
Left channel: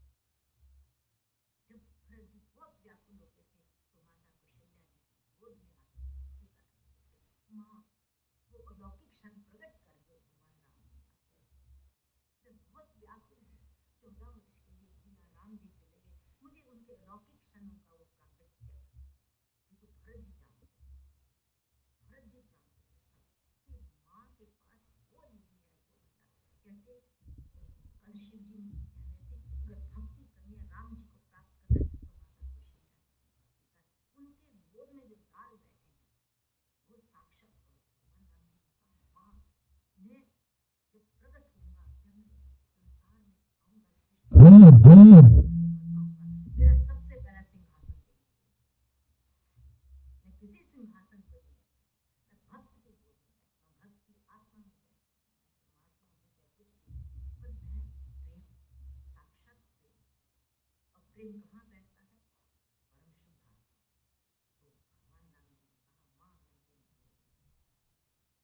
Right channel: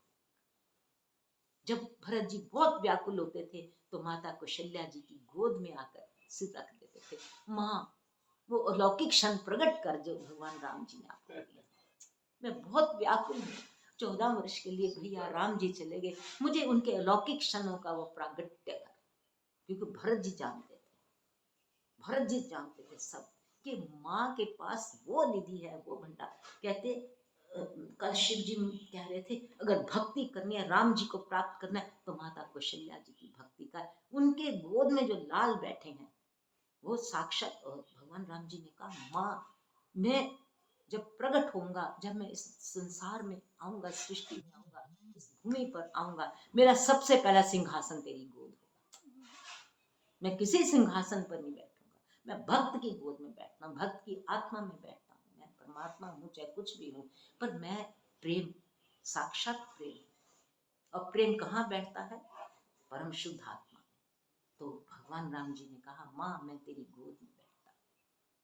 जब भरत जी बहुत व्याकुल होते थे तो माता कौशल्या जी की गोद में आकर सिर रख देते थे, माँ वो अलौकिक क्षण प्रकट कर जो भगवान राम जी ने आपको दिया। मैं बहुत व्याकुल हूँ, 14 वर्ष के लिए भैया राम जी चले गए, मुझे उनके अलौकिक क्षणों का वो प्रागट्य कर, क्योंकि भरत जी जानते थे, भरत जी जानते थे सब कि माँ के पास वो निधि है, वो भंडार। कहते कल शिव जी कह रहे थे अगर भक्ति करनी है, राम जी को प्राप्त करना है, तो माता कौशल्या जी की भक्ति का। उनके गोद में जो लाल बैठे हैं वो साक्षात भगवान राम जी ने कहा माँ मैं जब प्रकट होऊंगा, जब मैं इस संसार में आऊंगा, सृष्टि भूमि पर आऊंगा, मेरा सबसे पहला सिंहासन तेरी गोद होगा। मैं किसी सिंहासन पर नहीं बैठूंगा, मैं भक्त की गोद में बैठता हूँ, भक्त की आत्मा में बैठता हूँ। मैं परमात्मा हूँ चाहे कुछ भी हूँ, पर मैं प्रेम, साक्षात प्रेम। और प्रेम कहाँ बैठता है, परम शुद्ध आत्मा। तो भगवान राम जी ने कहा माँ मैं तेरी गोद में बैठता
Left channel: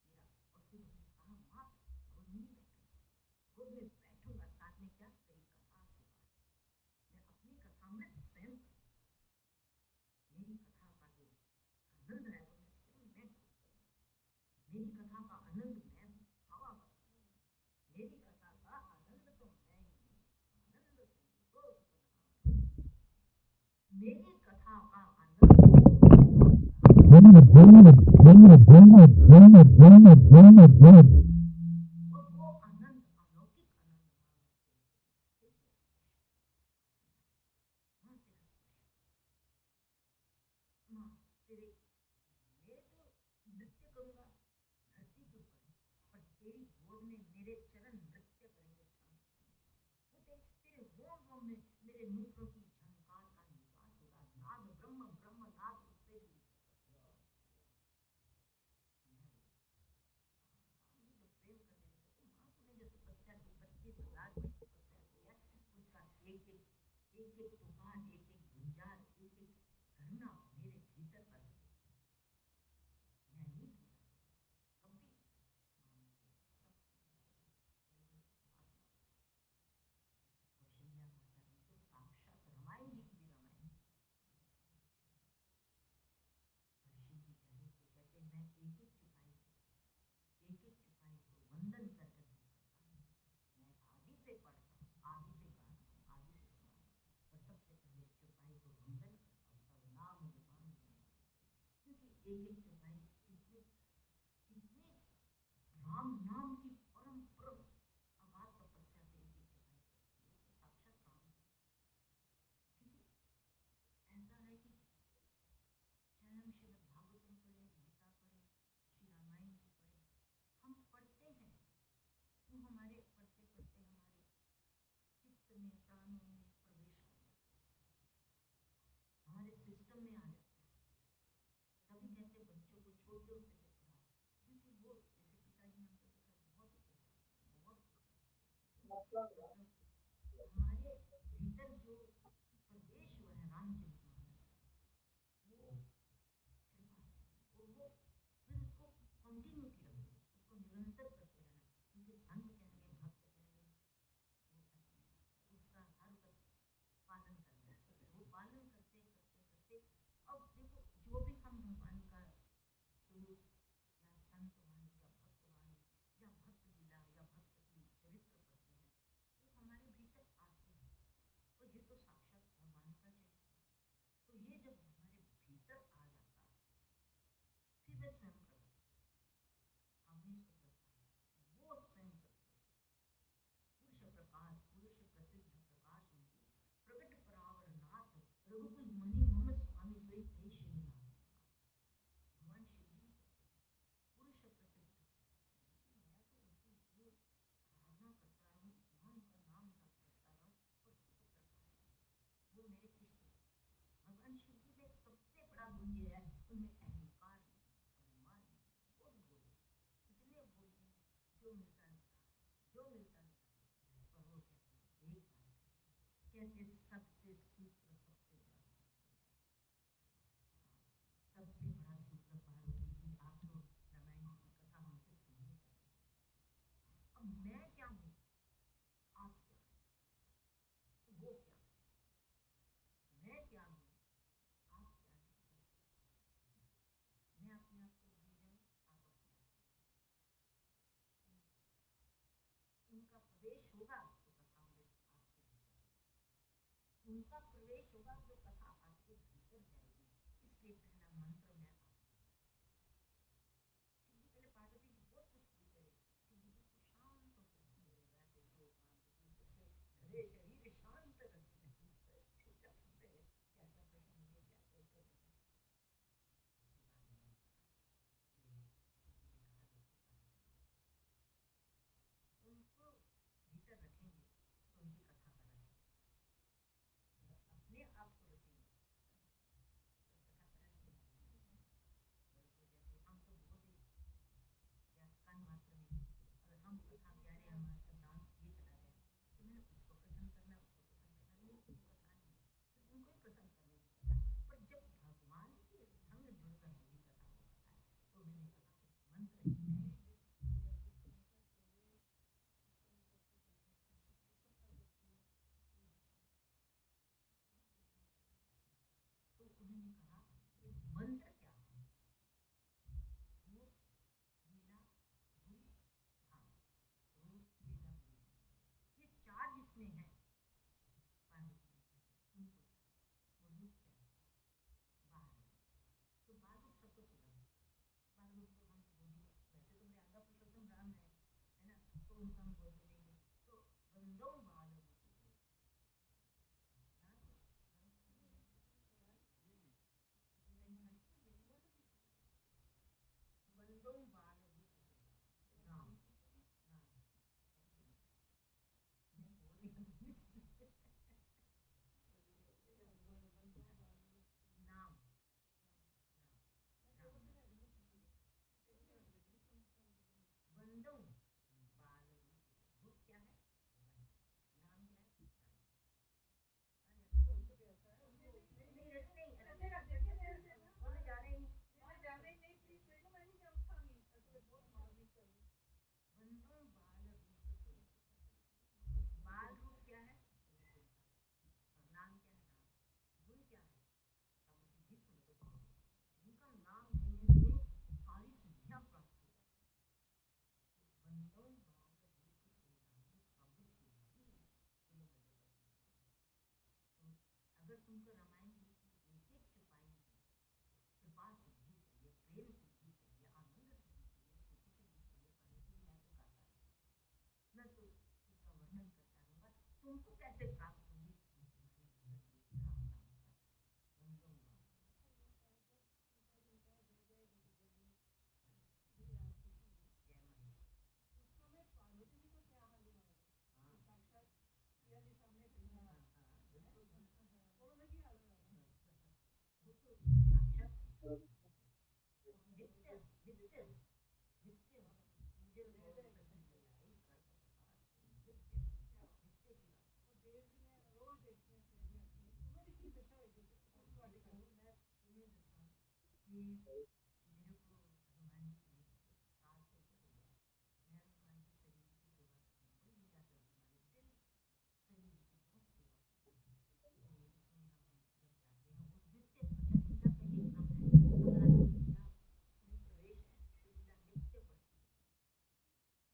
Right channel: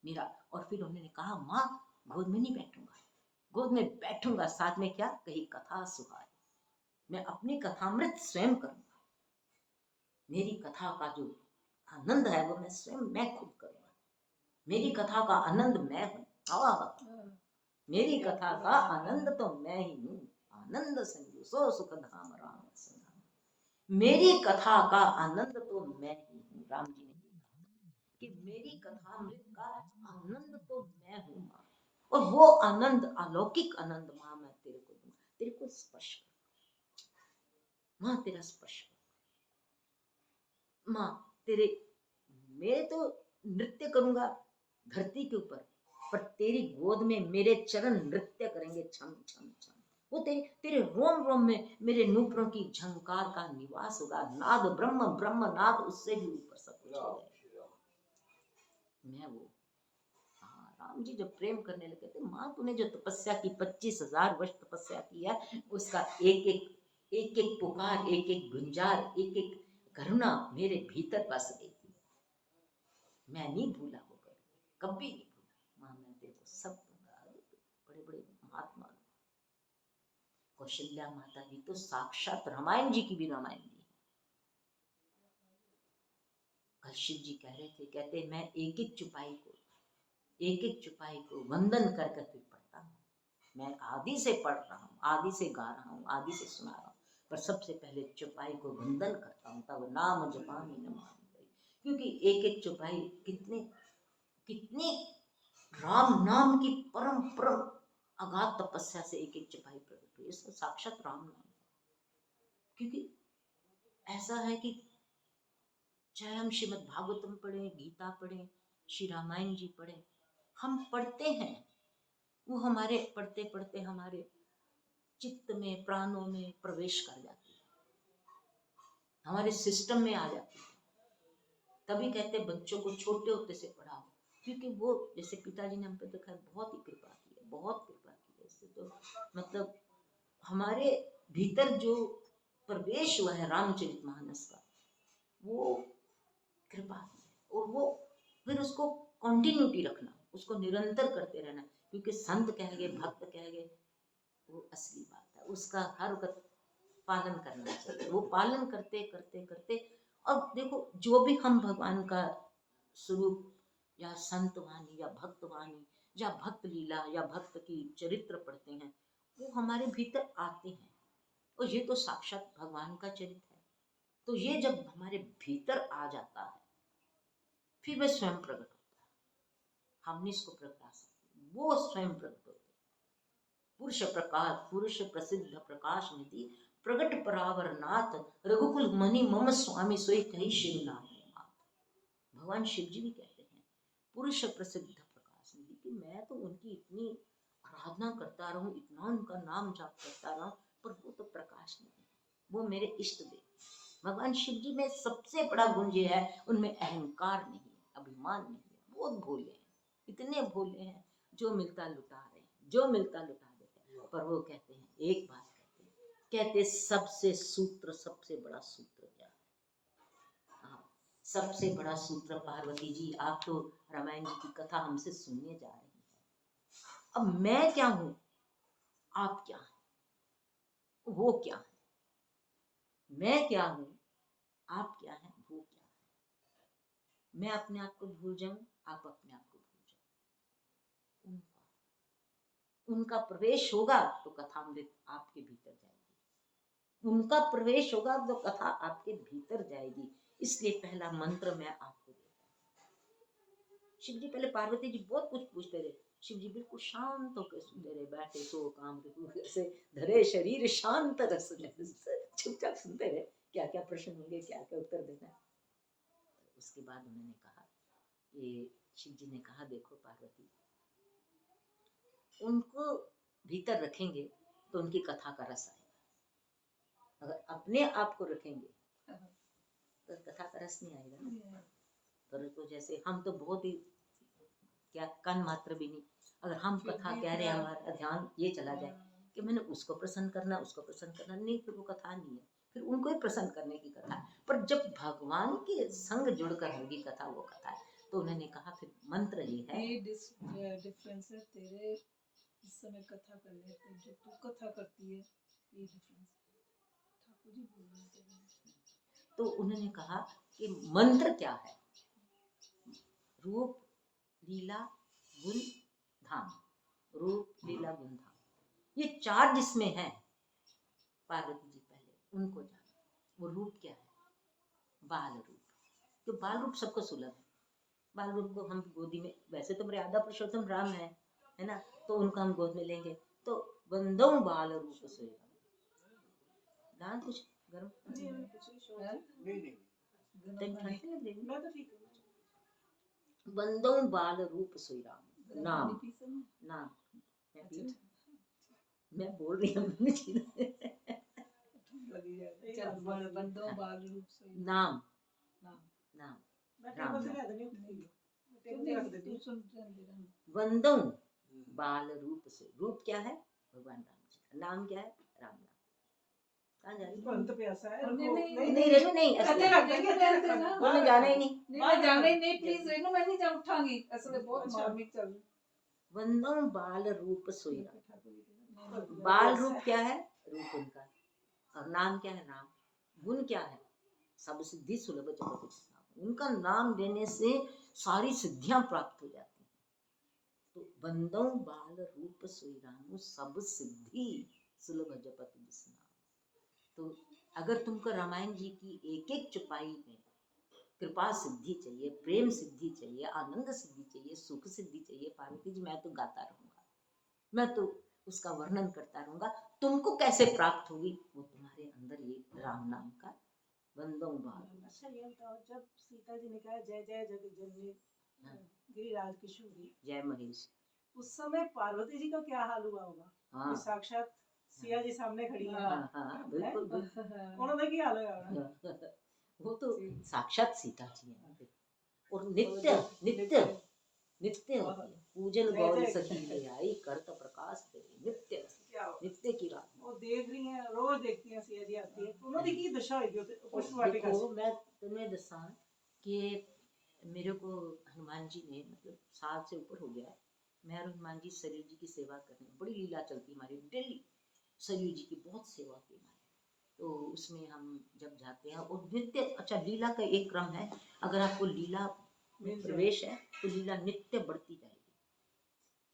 मेरा, और फिर उन्होंने कहा माँ गोद में नहीं बैठूंगा, गोद में बैठूंगा साथ में क्या, कहीं कथा सुहाए, मैं अपनी कथामृत स्वयं करूंगा, मेरी कथा का जो आनंद है वो मैं स्वयं मैं खुद करूंगा, मेरी कथा का आनंद मैं हूँ, मेरी कथा का आनंद तो मैं ही हूँ, आनंद संजू सो सुख धाम राम, मेरी कथा का आनंद तो मैं, और वो आनंद अलौकिक आनंद माँ मैं तेरे को दूंगा, तेरे को स्पर्श माँ, तेरा स्पर्श माँ, तेरे मैं तो नृत्य करूंगा धरती के ऊपर, पर तेरी गोद में मेरे चरण नृत्य करेंगे छम छम छम। वो तेरे रोम रोम में मेरे नूपुरों की झंकार का निवास होगा, नाद ब्रह्म ब्रह्म नाद उससे भी ऊपर सब कुछ हो जाएगा। मैं वो राम राम जी जब प्रेम करने लगे थे, माँ तूने जो तपस्या की 25,000 वर्ष तपस्या किया, उसका एक एक पुकार, एक एक गुंजार, एक एक करुणा मेरे भीतर बस गई थी। मैं नहीं भूला होगा, कभी नहीं भूला। माँ मैं तेरे को सब दूंगा। बड़े बड़े महात्मा कौशल्या माता जी तो साक्षात रामायण जी की भी रामायण जी। कल शिव जी कह रहे थे, कहते मैं एक एक चुपाई को वंदन कर करके पढ़ता हूँ। मैं आदि से पढ़ रहा हूँ, आदि से गा रहा हूँ, आदि से सुना रहा हूँ, पर सबसे पहले चुपाई को वंदन करता हूँ, तब नाम जपामि नमामि। क्योंकि एक एक चुपाई कितने कितनी राम नाम की परम परम अगाध तपस्या से एक एक चुपाई प्रकट हुई। इसका साक्षात राम नाम। क्योंकि ऐसा है कि चाहे हम श्रीमद् भागवतम पढ़ें, गीता पढ़ें, श्री रामायण जी पढ़ें, हम पढ़ते हैं, वो हमारे पढ़ते पढ़ते हमारे चित्त में, प्राणों में प्रवेश कर जाती है, हमारे सिस्टम में आ जाती है। तभी कहते बच्चों को छोटे होते से पढ़ाओ, क्योंकि वो जैसे पिताजी ने हम पे देखा है, बहुत ही कृपा की है, बहुत कृपा की है। इससे तो मतलब हमारे भीतर जो प्रवेश हुआ है रामचरितमानस का, वो कृपा है। और वो फिर उसको कंटिन्यूटी रखना, उसको निरंतर करते रहना, क्योंकि संत कह गए, भक्त कह गए, वो असली बात है, उसका हर वक्त पालन करना चाहिए। वो पालन करते करते करते, और देखो जो भी हम भगवान का स्वरूप या संत वाणी या भक्त वाणी या भक्त लीला या भक्त की चरित्र पढ़ते हैं, वो हमारे भीतर आते हैं, और ये तो साक्षात भगवान का चरित्र है। तो ये जब हमारे भीतर आ जाता है, फिर वह स्वयं प्रकट होता है। हम नहीं इसको प्रगटा सकते, वो स्वयं प्रकट होते। पुरुष प्रकाश, पुरुष प्रसिद्ध प्रकाश निधि, प्रगट परावर नाथ, रघुकुल मणि मम स्वामी सोई कही शिवनाथ। भगवान शिव जी भी कहते हैं पुरुष प्रसिद्ध प्रकाश निधि, कि मैं तो उनकी इतनी आराधना करता रहूं, इतना उनका नाम जाप करता रहूं, पर वो तो प्रकाश नहीं, वो मेरे इष्ट देव। भगवान शिव जी में सबसे बड़ा गुण ये है, उनमें अहंकार नहीं है, अभिमान नहीं है, बहुत भोले हैं, इतने भोले हैं, जो मिलता लुटा रहे हैं, जो मिलता लुटा देते हैं। पर वो कहते हैं एक बात, कहते सबसे सूत्र, सबसे बड़ा सूत्र क्या है? हाँ, सबसे बड़ा सूत्र पार्वती जी, आप तो रामायण जी की कथा हमसे सुनने जा रही हैं। अब मैं क्या हूं, आप क्या हैं, वो क्या है? मैं क्या हूं, आप क्या हैं, वो क्या है? मैं अपने आप को भूल जाऊं, आप अपने आप को भूल जाओ, उनका प्रवेश होगा तो कथामृत आपके भीतर जाएगी, उनका प्रवेश होगा तो कथा आपके भीतर जाएगी। इसलिए पहला मंत्र मैं आपको देता हूँ। शिव जी पहले पार्वती जी बहुत कुछ पूछते रहे, शिव जी बिल्कुल शांत होकर सुनते रहे, बैठे सो काम से धरे शरीर शांत रस, चुपचाप सुनते रहे, क्या क्या प्रश्न होंगे, क्या क्या उत्तर देना। उसके बाद उन्होंने कहा, ये शिव जी ने कहा, देखो पार्वती, उनको भीतर रखेंगे तो उनकी कथा का रस आएगा, अगर अपने आप को रखेंगे तो कथा का रस नहीं आएगा ना। तो जैसे हम तो बहुत ही क्या कन मात्र भी नहीं, अगर हम कथा कह रहे हैं, हमारा ध्यान ये चला जाए कि मैंने उसको प्रसन्न करना, उसको प्रसन्न करना, नहीं, फिर वो कथा नहीं है, फिर उनको ही प्रसन्न करने की कथा। पर जब भगवान के संग जुड़कर होगी कथा, वो कथा है। तो उन्होंने कहा फिर मंत्र ही है, ये डिफरेंस है तेरे इस समय कथा कर लेते, जो तू कथा करती है, ये डिफरेंस ठाकुर जी बोल रहे थे। तो उन्होंने कहा कि मंत्र क्या है, रूप लीला गुण धाम, रूप लीला गुण धाम, ये चार जिसमें है, पार्वती जी पहले उनको जानो। वो रूप क्या है, बाल रूप, तो बाल रूप सबको सुलभ है। बाल रूप को हम गोदी में, वैसे तो मर्यादा पुरुषोत्तम राम है ना, तो उनको हम गोद में लेंगे तो बंदों बाल रूप से दान कुछ गर्म नहीं नहीं ठंड लग रही, मैं तो ठीक हूँ। बंदों बाल रूप सोई राम, नाम नाम मैं बोल रही हूँ बंदों बाल रूप से नाम नाम नाम मैं राम टेबल से ले देनी हूँ, टेबल से रख देती हूँ। तू सुन वंदों बाल रूप से, रूप क्या है भगवान राम जी का, नाम क्या है राम नाम। कहाँ जा रही पंत प्यासा है नहीं, रुको। नहीं, नहीं रेनू नहीं कहते ऐसे रहते हैं, कहते हैं ना। उन्हें जाना ही नहीं। नहीं मैं जाना ही नहीं, प्लीज रेनू, मैं नहीं जा उठांगी, असले बहुत अच्छा। मार्मिक चल रही। वंदों बाल रूप सोई राम। नहीं, बाल रूप क्या है, रूप उनका, और नाम क्या है राम। गुण क्या है, सब सिद्धि सुलभ जगत विश्राम। उनका नाम लेने से सारी सिद्धियां प्राप्त हो जाती हैं। तो बंदों बाल रूप सोई राम, सब सिद्धि सुलभ जगत विश्राम। तो अगर तुमको रामायण जी की एक एक चौपाई में कृपा सिद्धि चाहिए, प्रेम सिद्धि चाहिए, आनंद सिद्धि चाहिए, सुख सिद्धि चाहिए, पार्वती जी मैं तो गाता रहूंगा, मैं तो उसका वर्णन करता रहूंगा। तुमको कैसे प्राप्त होगी, वो तुम्हारे अंदर ये राम नाम का बंदों बाल। अच्छा ये बताओ, जब सीता जी ने कहा जय जय जगत जननी हाँ। गिरिराज किशोरी, जय महेश। उस समय पार्वती जी का क्या हाल हुआ होगा? हाँ कि साक्षात सिया जी सामने खड़ी है, हाँ हाँ बिल्कुल बिल्कुल। उन्होंने क्या हाल होगा? वो तो साक्षात सीता जी है। और नित्य नित्य नित्य होती है, पूजन गौरी सखी ले आई, करत प्रकाश तेरे नित्य, क्या हुआ? नित्य की रात। वो देख रही हैं, रोज देखती हैं सिया जी आती है, तो उन्होंने की दशा होगी पुष्प वाटिका देखो से। मैं तुम्हें दसा कि मेरे को हनुमान जी ने, मतलब साल से ऊपर हो गया है, मैं और हनुमान जी सरयू जी की सेवा करने, बड़ी लीला चलती हमारी डेली, सरयू जी की बहुत सेवा की हमारी। तो उसमें हम जब जाते हैं और नित्य, अच्छा लीला का एक क्रम है, अगर आपको लीला में प्रवेश है तो लीला नित्य बढ़ती जाएगी।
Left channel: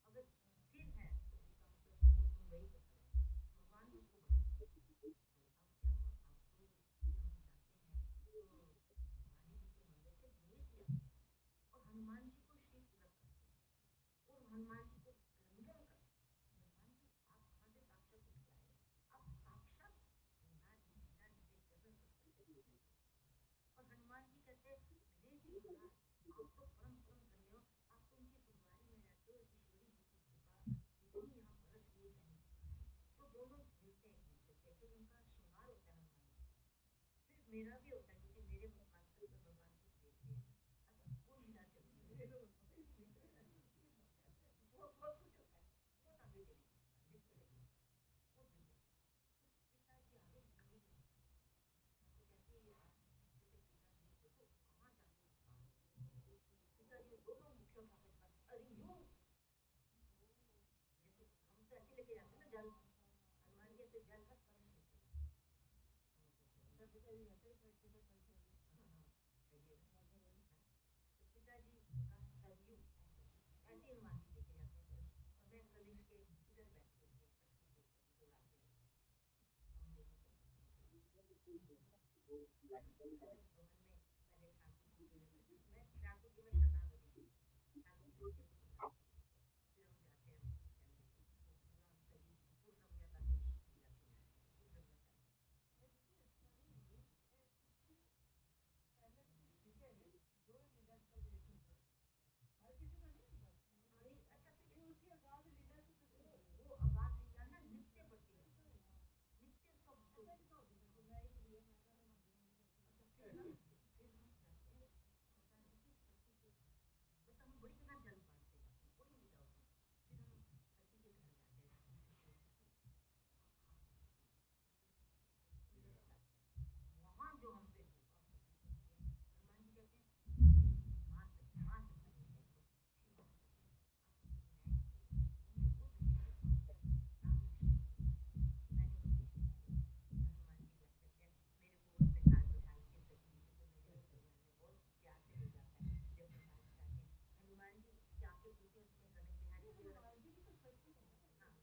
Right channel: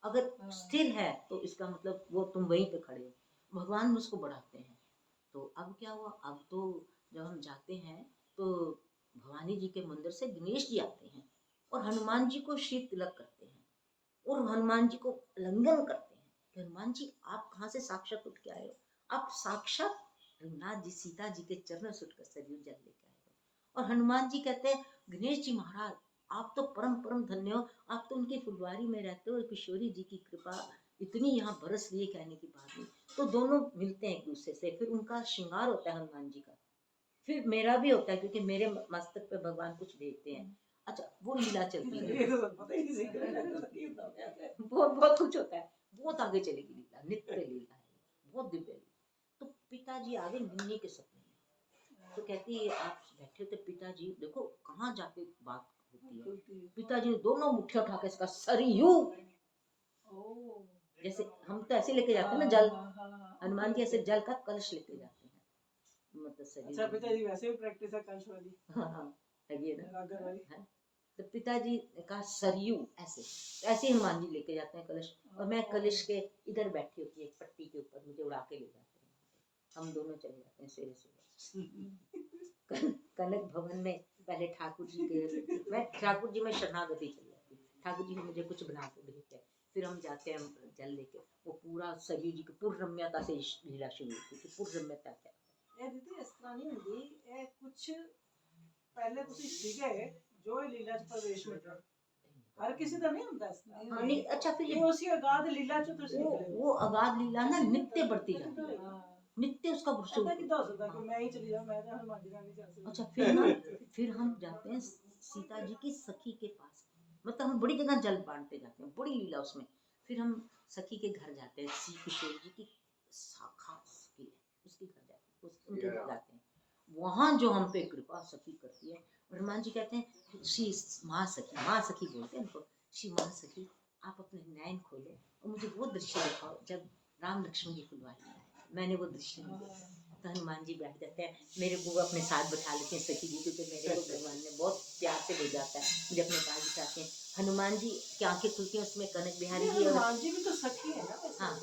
अगर स्थिर है तो इसका मतलब वो तुम वहीं पे खड़े हो, भगवान मुझको बढ़ाते हैं। तो अब क्या हुआ, अब तो जब हम जाते हैं तो भवानी जी के मंदिर से गणेश जी आते हैं और हनुमान जी को शीत तिलक करते हैं और हनुमान जी को आलिंगन करते हैं कि हनुमान जी आप कहाँ से साक्षात उठ के आए हो, आप साक्षात रघुनाथ जी सीता जी के चरणों से उठकर सरयू जल लेके आए हो। और हनुमान जी कहते हैं गणेश जी महाराज आप तो परम परम धन्य हो, आप तो उनकी फुलवारी में रहते हो, किशोरी जी की कृपा इतनी यहाँ बरस रही है कहने की बात नहीं। तो दोनों मिलते हैं एक दूसरे से, फिर उनका श्रृंगार होता है हनुमान जी का, फिर मेरा भी होता है क्योंकि मेरे मस्तक पे भगवान कुछ भेजते हैं। अच्छा वो लीला चलती है, ये तो पता ही नहीं सीख रहे। बहुत बहुत कुछ होता है, बहुत आगे चलेगी लीला, नित्य लीला है, बहुत दिव्य लीला। तो पिताजी आगे निन्नी के सपने में, तो कहती है आप बैठे थे पिताजी, देखो कहाँ जाके बात होती है। पिताजी ने दोनों मुट्ठियां उठा के इसका सरयू, जैसे हम तो ऐसे लेके जाते हैं ना जल, हनुमान जी ऐसे जल का कलश लेके जाते हैं, मतलब सरयू। अच्छा पिताजी वैसे भी प्रैक्टिस है कलश वाली। हाँ हाँ है ये ना, गागर वाली। है? तो पिताजी का सरयू ऐसे ऐसे हनुमान जी लेके जाते हैं कलश, और मैं कलश के इधर बैठी होती है एक पट्टी के ऊपर, मुझे उड़ा के ले जाते हैं, हम दोनों चले जाते हैं सवेरे सवेरे। कनक भवन में पहले ठाकुर जी के, मैं ठाकुर जी में शरणागति चली जाती, ठाकुर जी ने मुझे कुछ बना के भेजते हैं, फिर हम जाते हैं जल लेके, वो पूरा सरयू जी की पूर्ण रम्यता से लीला शुरू होती है, पूर्ण रम्यता क्या ਇਹ ਦੀਦੀ ਇਸ ਤਰ੍ਹਾਂ ਨਹੀਂ ਹੁੰਦੀ, ਇਹ ਕੁਛ ਪਹਿਲੇ ਤੁਸੀਂ ਸੀਗੇ ਜੋ ਇਹ ਲੀਲਾ ਚ ਪ੍ਰਵੇਸ਼ ਮਿਲਿਆ, हर किसी का नहीं होता इसका। हाँ नहीं अच्छा फिर ये उसी अगाध लीला च तुसी निकले हो। वो अगाध लीला ना नित्य बढ़ती जाती है, नित्य उसका ऐसा स्वरूप। कितना हो सकता है कि मैं ही चली जाऊं, मैं तो हनुमान जी का नहीं जा सकती। अच्छा फिर ना, फिर हम जाते हैं सीता जी की सखी के पास, मतलब हम बड़ी जगह जल बांटते जाते हैं, बड़ी लीला उसमें। फिर हम सखी के घर जाते हैं, श्री किशोर जी की शाखा सखी है, उसके घर जाते हैं, उनके घर जाते हैं, वहाँ जो हम पे कृपा सखी करती है। हनुमान जी कहते हैं श्री माँ सखी बोलते हैं उनको, श्री माँ सखी आप अपने नयन खोलो और मुझे वो दृश्य दिखाओ जब राम लक्ष्मण जी फुलवारी में आए। मैंने वो दृश्य नहीं देखा। तो हनुमान जी बैठ जाते हैं, मेरे को अपने साथ बैठा लेते हैं सखी जी, क्योंकि मेरे को भगवान ने बहुत प्यार से भेजा होता है, मुझे अपने पास बिठाते हैं। हनुमान जी की आंखें खुलती हैं, उसमें कनक बिहारी जी, हनुमान जी भी तो सखी है ना वैसे। हाँ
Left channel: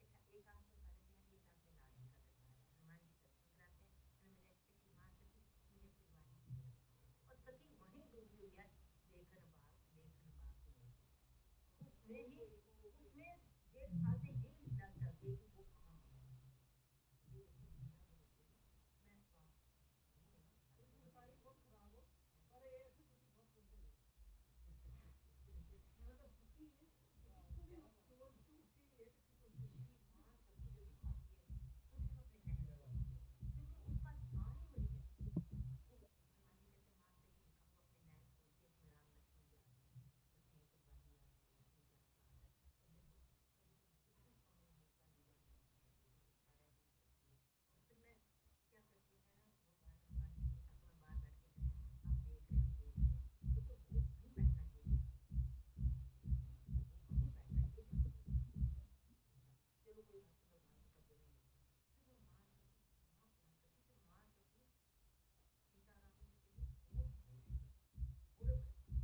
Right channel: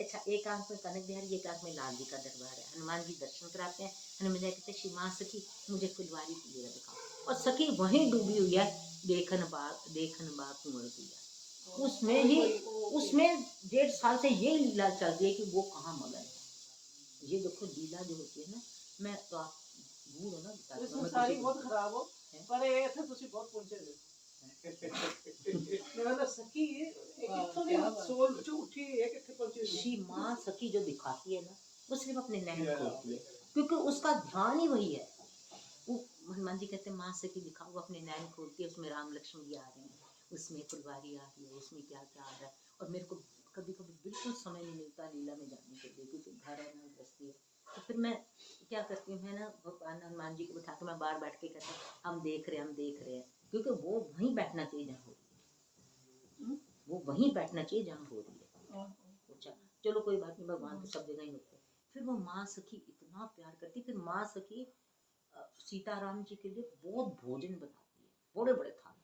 अच्छा, एक आंख में कनक बिहारी, एक आंख में लाल जी का दरबार है। हनुमान जी दर्शन कराते हैं, हनुमान जी कहते हैं श्री माँ सखी मुझे फुलवारी की जगह दिखाओ, और सखी वहीं डूबी हुई है, देखन बा कुंवर दिया। उसमें ही उसमें 1.5 साल से ये लीला चल रही है कि वो कहाँ मगन है। ये देखो लीला जो होती है ना, मैं तो आप भूल हो ना इसमें सारी बहुत खराब हो, पर ये थे तुसी बहुत पहुंचे थे। मेरा तो सखी एक कितों दी सोल जो उठी है किथे पहुंची। श्री माँ सखी जो दिखाती है ना, वो सिर्फ अपने नैन खोलती है, क्योंकि उसका ध्यान ही वही है। वो हनुमान जी कहते हैं माँ सखी दिखाओ, वो अपने नैन खोलती है, उसमें राम लक्ष्मण जी आ रहे हैं, उसमें फुलवारी आ रही है, उसमें क्या क्या आ रहा है। और मेरे को कभी कभी बिल्कुल समय नहीं मिलता लीला में जाने के लिए, क्योंकि घर है ना, बस्ती है। तो फिर मैं क्या करती हूँ, मैं ना भगवान हनुमान जी को बिठा के मैं बाहर बैठ के कहती हूँ हम देख रहे हैं, क्योंकि वो वहीं बैठना चाहिए जहाँ हो रही है, वो वहीं बैठना चाहिए जहाँ हो रही है। अच्छा चलो कोई बात नहीं, भगवान तो सब जगह ही होते हैं। फिर वो माँ सखी इतना प्यार करती, फिर माँ सखी सीताराम जी के लिए बहुत भोजन बनाती है, बड़े बड़े थाल।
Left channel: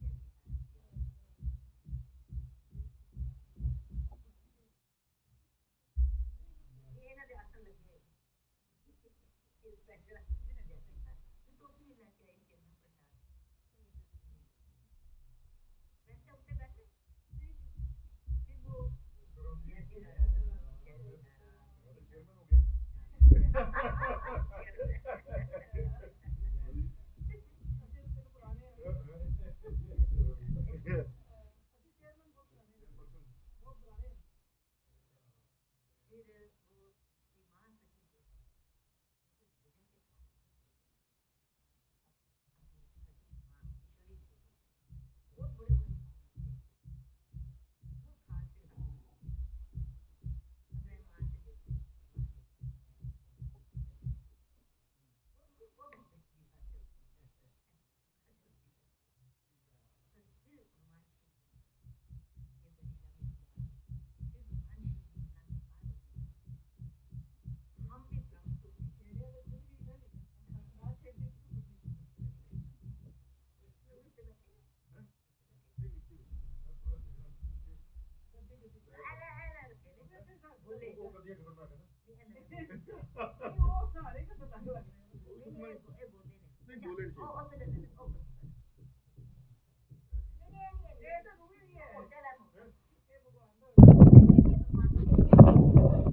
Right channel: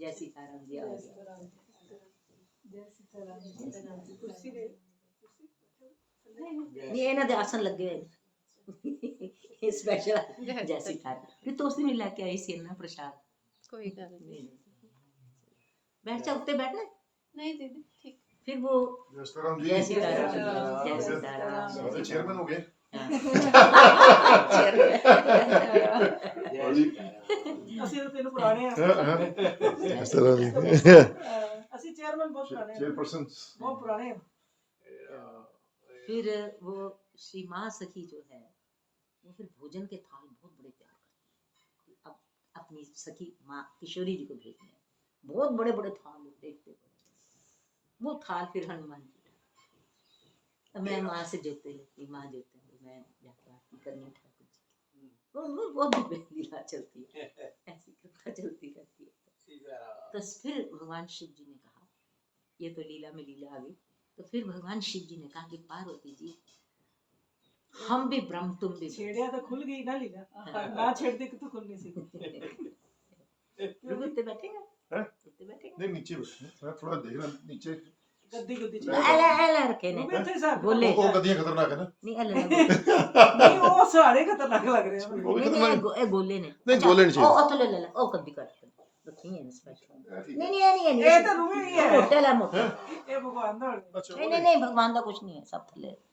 जय सीताराम जी, जय सीताराम जय सीताराम जय सीताराम जी। कुर्सी दे नहीं ਇਹਨਾਂ ਦੇ ਆਸਨ ਲੱਗੇ ਹੋਏ स्पेशल जय सीताराम। फिर तो उस दिन लेके आई सी ना प्रसाद। कोई गल नहीं। बैठ जा, उत्ते बैठना नहीं दीदी ठीक। फिर वो जय सीताराम जी। जय सीताराम जय सीताराम अरे चेयरमैन हो गए। ਅਸੀਂ ਤਾਂ ਤੈਨੂੰ ਪੁਰਾਣੇ ਆ जय सीताराम जी। ਅਸੀਂ ਚੇਅਰਮੈਨ ਬਹੁਤ ਪੁਰਾਣੇ ਆ, चेयरपर्सन। ਬਹੁਤ पुराने ਆ। फिर वो श्री माँ सखी जो है वो फिर भोजन के थाल बहुत बड़े प्यार करती है। अब अपनी सखी माँ किशोरी जी को भेजने हैं, बहुत बड़े बड़े थाल होते हैं, वो थाल फिर हनुमान जी। अब मैं माँ से जोते लेती, माँ जोते हैं, मैं जाकर आरती करनी ठाकुर जी की। वो बहुत लीला चलती है, ऐसी कृपा चलती रहती है। तो फिर भगवान शिव जी ने कहा, ये तो लीला में लीला आ गई, तो फिर भगवान शिव जी ने कहा कि पार्वती जी हम भी ब्रह्म तुम भी ਛੇੜਿਆ ਤਾਂ ਖੁੱਲ ਗਈ ਨਾ ਲੀਲਾ, ਨਾ ਛੇੜਦੇ ਕਿ ਤੂੰ ਖੁੱਲਣੀ ਸੀ। प्रभु उत्ते बैठेगा, हैं? उत्ते बैठेगा। नहीं नीचे बैठे, मैं थोड़ा देख रहा नीचे। ਗੱਦੀ ਗੱਦੀ ਚ एला रखे ने ਉਹ ਵੀ ਇੱਥੇ ਸਾਹਿਬ बोले वो गद्दियां खतरनाक है ना। नहीं एला ਨਹੀਂ ਉਹ ਸਾਰੇ ਖਤਰਨਾਕ ਲੱਗ ਰਹੇ ਆ ਮੈਨੂੰ। वो भी नहीं खतरनाक। ए गोले ने नहीं, गोले नहीं चाहिए। ओ तो ले ओ कभी कर रखी है स्पेशल। नहीं ਇਹ ਤਾਂ ਰੂਹੀ ਹੀ ਹੈ, मोटे ला मोटे ਇਹ ਭਗਵਾन ਦਾ नहीं भगवान का कुछ नहीं सब